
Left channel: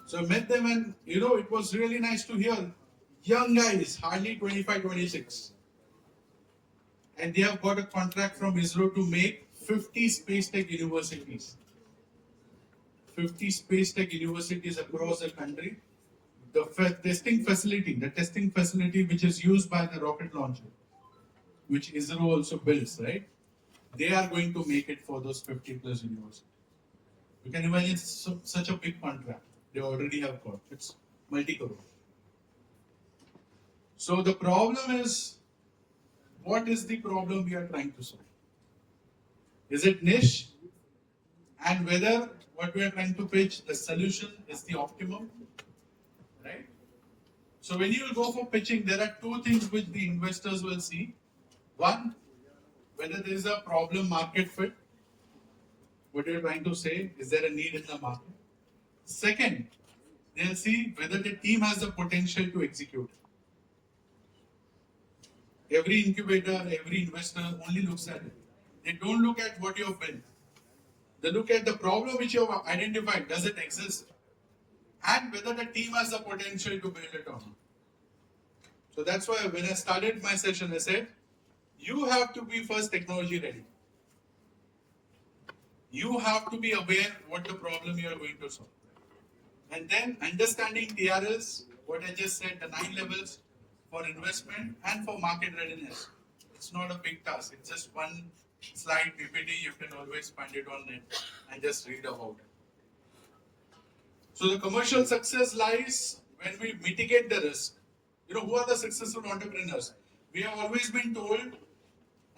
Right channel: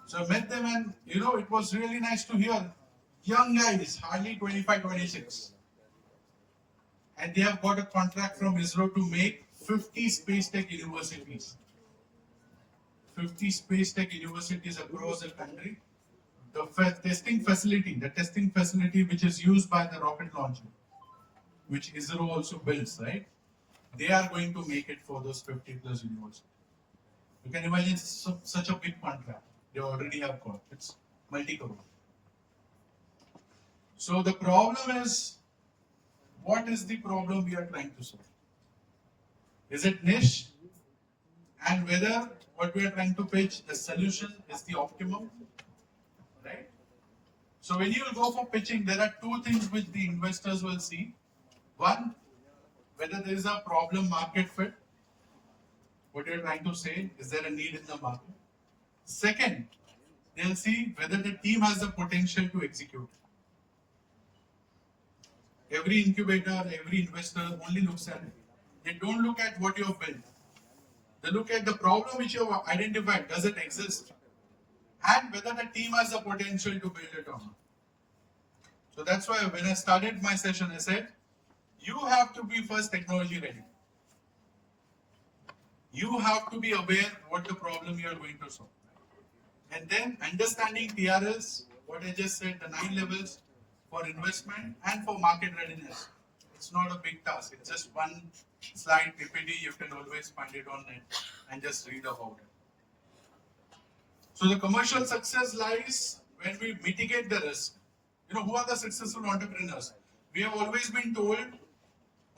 So I met them and, it was really nice to hear. Young guys, hardly 25, 26. And they have got a contract from ISRO to make 50 space tech universities. 50 space tech universities across the country. The testing facility which is used by the rocket launcher, which ISRO also builds, right? They are going to make it for those 50 plus universities. You can imagine such a big contract. They already have got. It's multi-crore. So the problem is, what is the problem we are trying to solve? Is it niche? And whether what we are trying to pitch, the solution is the optimum, right? So when you will go for pitching, there are two things which the investors will see. One, whether there is a problem market fit. What you're trying to say, is there a need in the market? Second, they'll see whether the team has the potential to execute. Every incubator, every investor only looks at it. They don't look at what you have built. They look at the problem which you have identified. Does it exist? And whether the team has the potential to build it or not. So that's why when I started my session, I said, you have to be first technology ready. You have to be aware what the problem you are going to solve. And then understanding TRLs, what I just said, the 9 levels for investment and for market readiness. It's not a big task. It's just one slide PPT. You can always find it on net and just read about it. So the commercial success lies when we mitigate the risk. Who are the successful entrepreneurs? We have always been told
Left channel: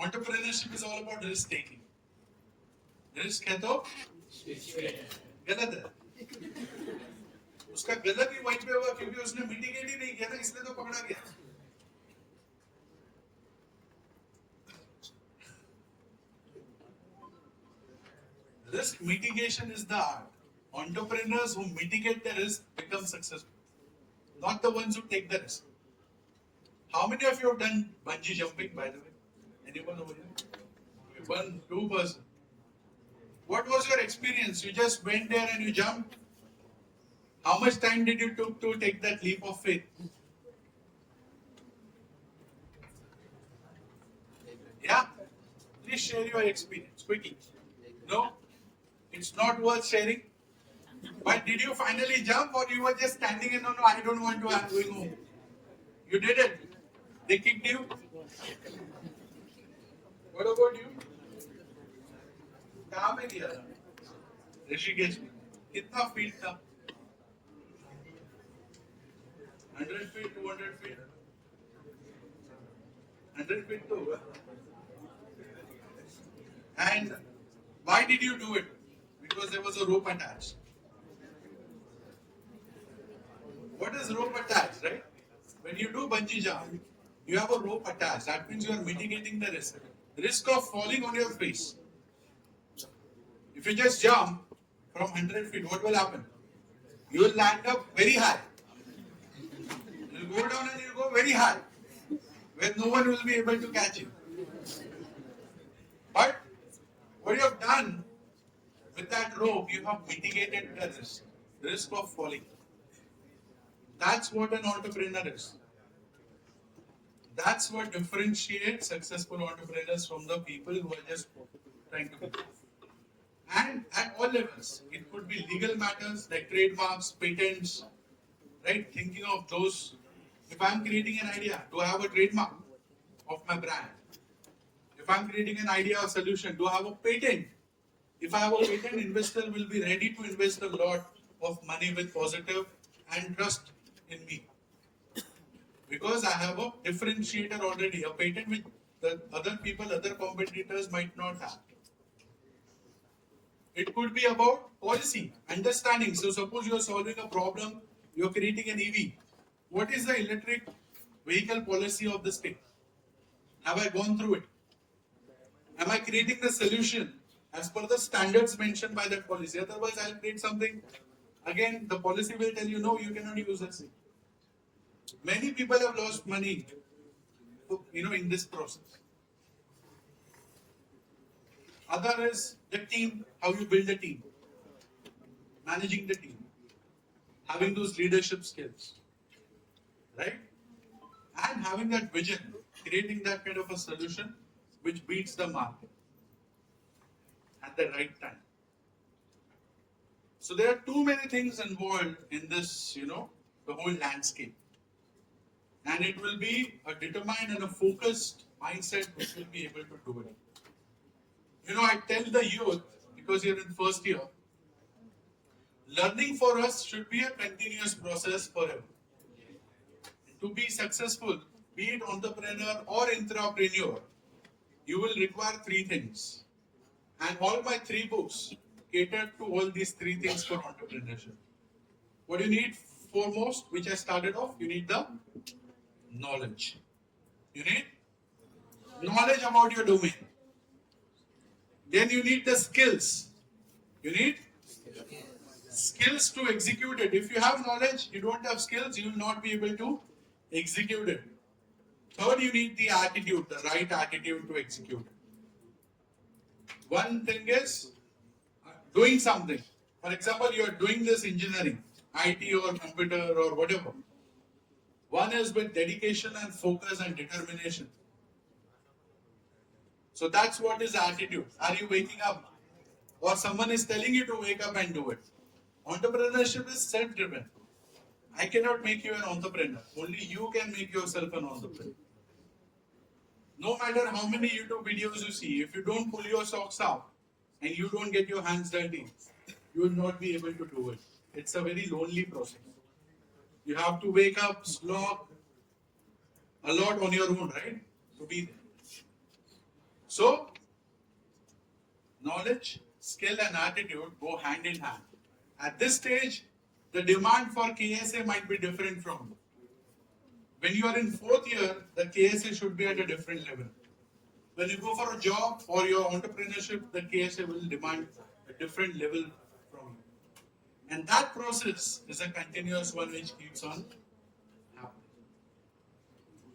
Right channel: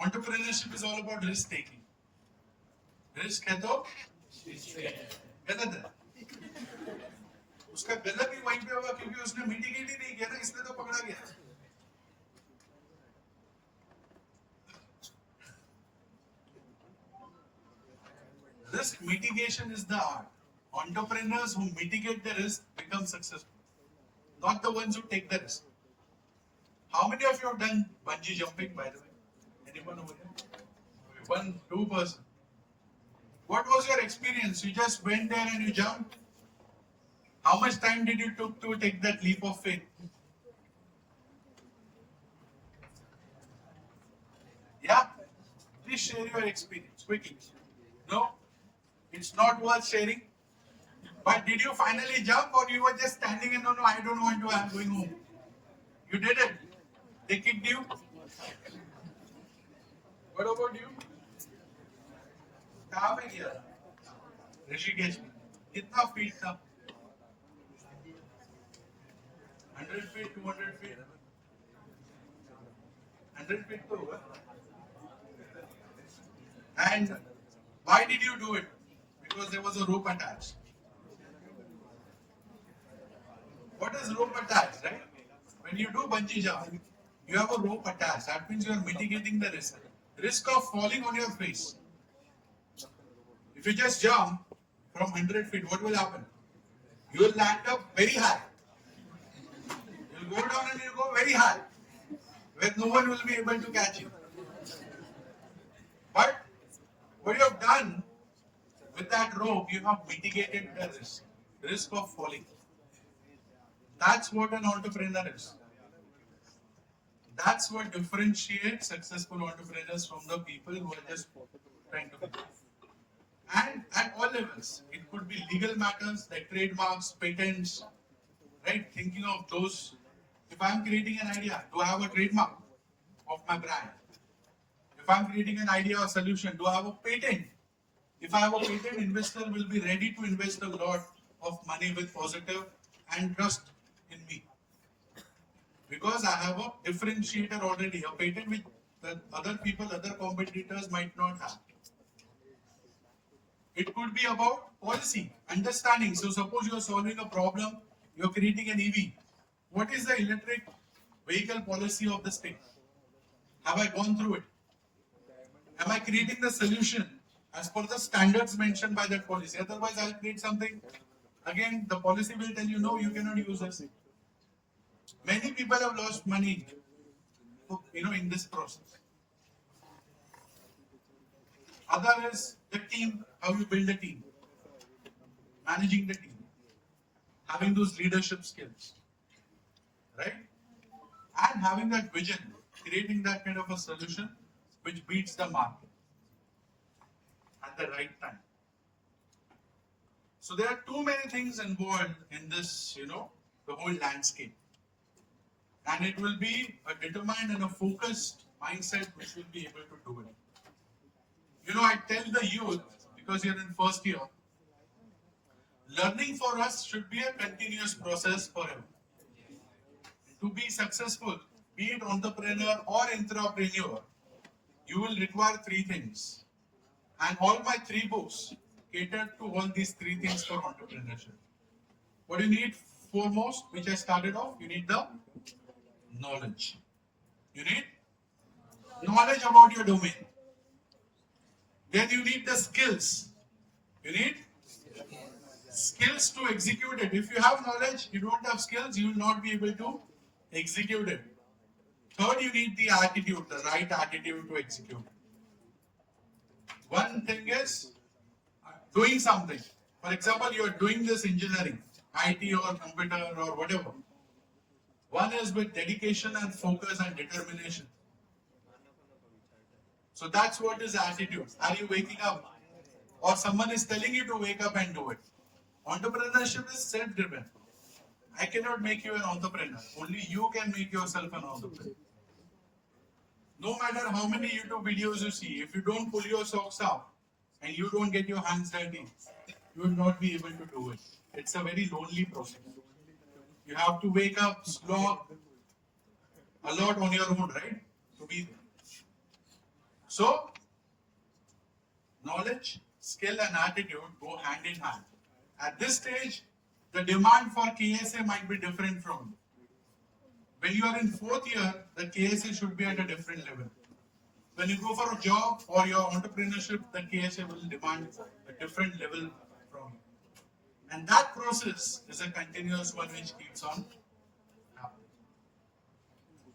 entrepreneurship is all about risk taking. Risk है तो गलत है उसका गलत ही वहीं पे होगा क्योंकि उसने मिटिगेट ही नहीं किया ना इसलिए तो पकड़ा गया risk mitigation is the art Entrepreneurs who mitigate the risk become successful, not the ones who take the risk. How many of you have done bungee jumping, by the way? Anyone over here? One, two person. What was your experience? You just went there and you jumped? How much time did you took to take that leap of faith? Yeah? Please share your experience quickly. No? It's not worth sharing? But did you finally jump or you were just standing and no, I don't want to, I'm going home? You did it. They kicked you. What about you? कहाँ पे किया था? ऋषिकेश में. कितना feet था? 100 feet, 200 feet. 100 feet तो हुआ. And why did you do it? Because there was a rope attached. What is rope attached, right? When you do bungee jump, you have a rope attached. That means you are mitigating the risk. Risk of falling on your face. If you just jump from 100 feet, what will happen? You will land up very high. You will go down and you will go very high, where no one will be able to catch you. But what you have done with that rope, you have mitigated the risk of falling. That's what an entrepreneur is. That's what differentiates successful entrepreneurs from the people who are just trying to be. And at all levels, it could be legal matters like trademarks, patents, right? Thinking of those. If I'm creating an idea, do I have a trademark of my brand? If I'm creating an idea or solution, do I have a patent? If I have a patent, investor will be ready to invest a lot of money with positive and trust in me. Because I have a differentiator already, a patent which the other people, other competitors might not have. It could be about policy, understanding. So suppose you are solving a problem, you are creating an EV. What is the electric vehicle policy of the state? Have I gone through it? Am I creating the solution as per the standards mentioned by that policy? Otherwise, I'll create something. Again, the policy will tell you, no, you cannot use this. Many people have lost money, in this process. Other is the team, how you build a team, managing the team, having those leadership skills, right? And having that vision, creating that kind of a solution which beats the market at the right time. So there are too many things involved in this, the whole landscape. And it will be a determined and a focused mindset which will be able to do it. I tell the youth, because you're in first year, learning for us should be a continuous process forever. To be successful, be it entrepreneur or intrapreneur, you will require three things. And all my three books cater to all these three things for entrepreneurship. What do you need foremost, which I started off? You need the knowledge. You need knowledge about your domain. Then you need the skills. You need skills to execute it. If you have knowledge, you don't have skills, you will not be able to execute it. Third, you need the attitude, the right attitude to execute it. One thing is doing something. For example, you are doing this engineering, IT or computer or whatever. One is with dedication and focus and determination. So that's what is attitude. Are you waking up? Or someone is telling you to wake up and do it. Entrepreneurship is self-driven. I cannot make you an entrepreneur. Only you can make yourself an entrepreneur. No matter how many YouTube videos you see, if you don't pull your socks up and you don't get your hands dirty, you will not be able to do it. It's a very lonely process. You have to wake up, slog a lot on your own, right? To be there. So, knowledge, skill and attitude go hand in hand. At this stage, the demand for KSA might be different from when you are in fourth year, the KSA should be at a different level. When you go for a job or your entrepreneurship, the KSA will demand a different level from you. And that process is a continuous one which keeps on happening.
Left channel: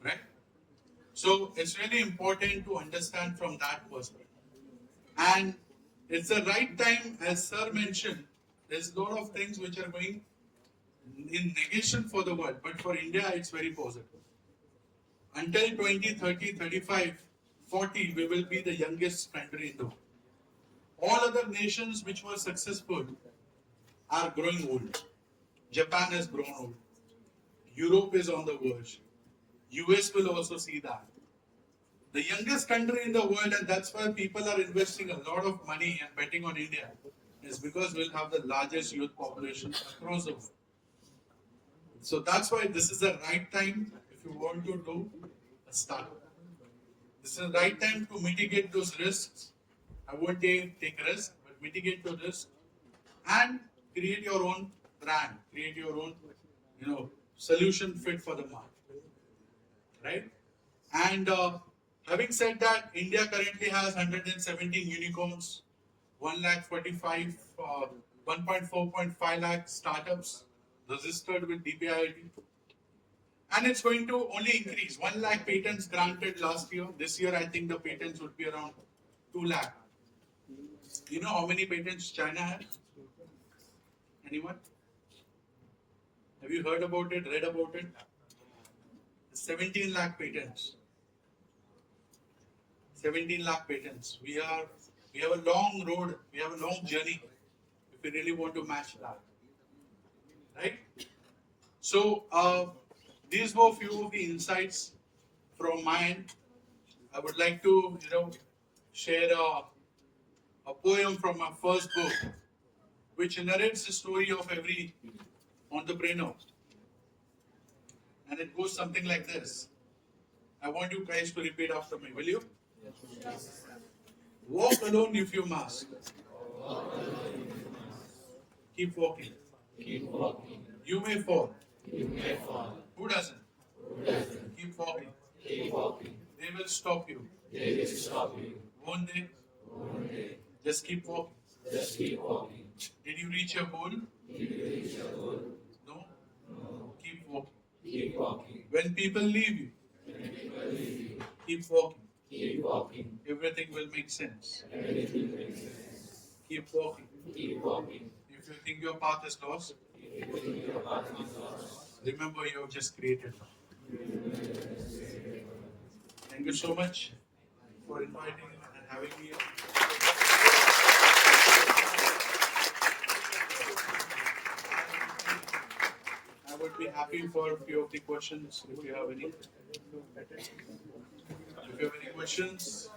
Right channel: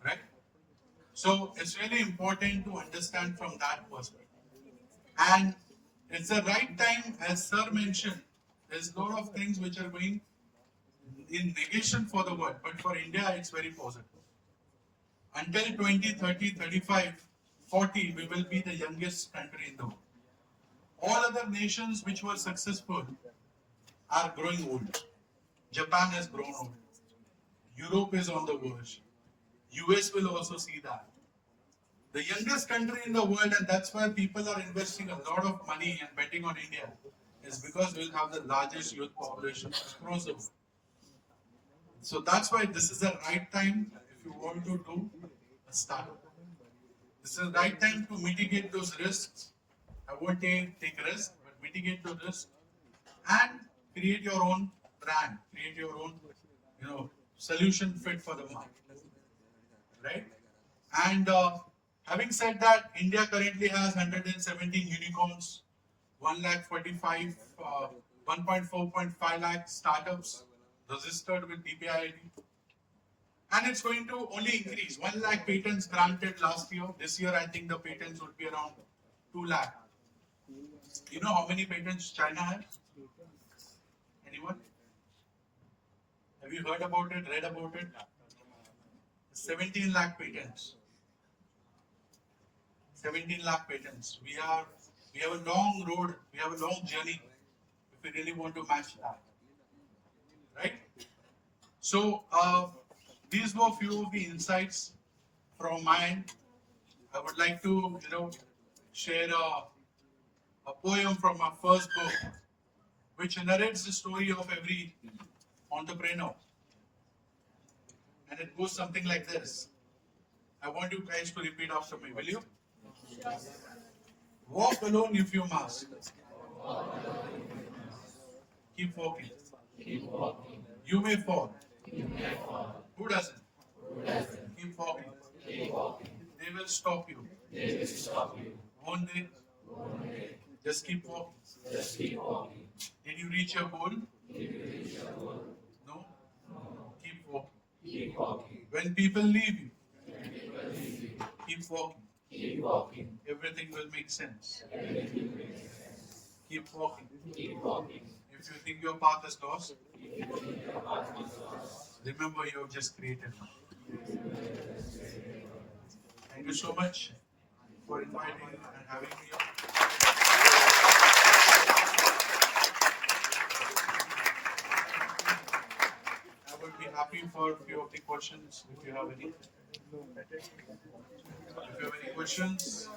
Right? So it's really important to understand from that perspective. And it's the right time, as Sir mentioned, there's a lot of things which are going in negation for the world, but for India, it's very positive. Until 2030, 35, 40, we will be the youngest country in the world. All other nations which were successful are growing old. Japan has grown old. Europe is on the verge. US will also see that. The youngest country in the world, and that's why people are investing a lot of money and betting on India, is because we'll have the largest youth population across the world. So that's why this is the right time if you want to do a startup. This is the right time to mitigate those risks. I won't take risks, but mitigate the risk and create your own brand, create your own, solution fit for the market, right? And having said that, India currently has 117 unicorns, 1,45,000, 1.4.5 lakh startups registered with DPIIT. And it's going to only increase. 1 lakh patents granted last year. This year, I think the patents would be around 2 lakh. You know how many patents China has? Anyone? Have you heard about it, read about it? 17 lakh patents. 17 lakh patents. We have a long road, we have a long journey if we really want to match that. Right? So these were few of the insights from my end. I would like to, share a poem from my first book, which narrates the story of every entrepreneur. And it goes something like this. I want you guys to repeat after me, will you? Walk alone if you must. Keep walking. You may fall. Who doesn't? Keep walking. They will stop you. Won't they? Just keep walking. Did you reach your goal? No? Keep walking. When people leave you, keep walking. Everything will make sense. Keep walking. If you think your path is lost, remember you have just created one. Thank you so much for inviting me and having me on. I would be happy for a few of the questions if you have any. If you have any questions.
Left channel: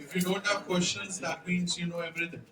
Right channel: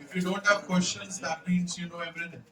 If you don't have questions, that means you know everything.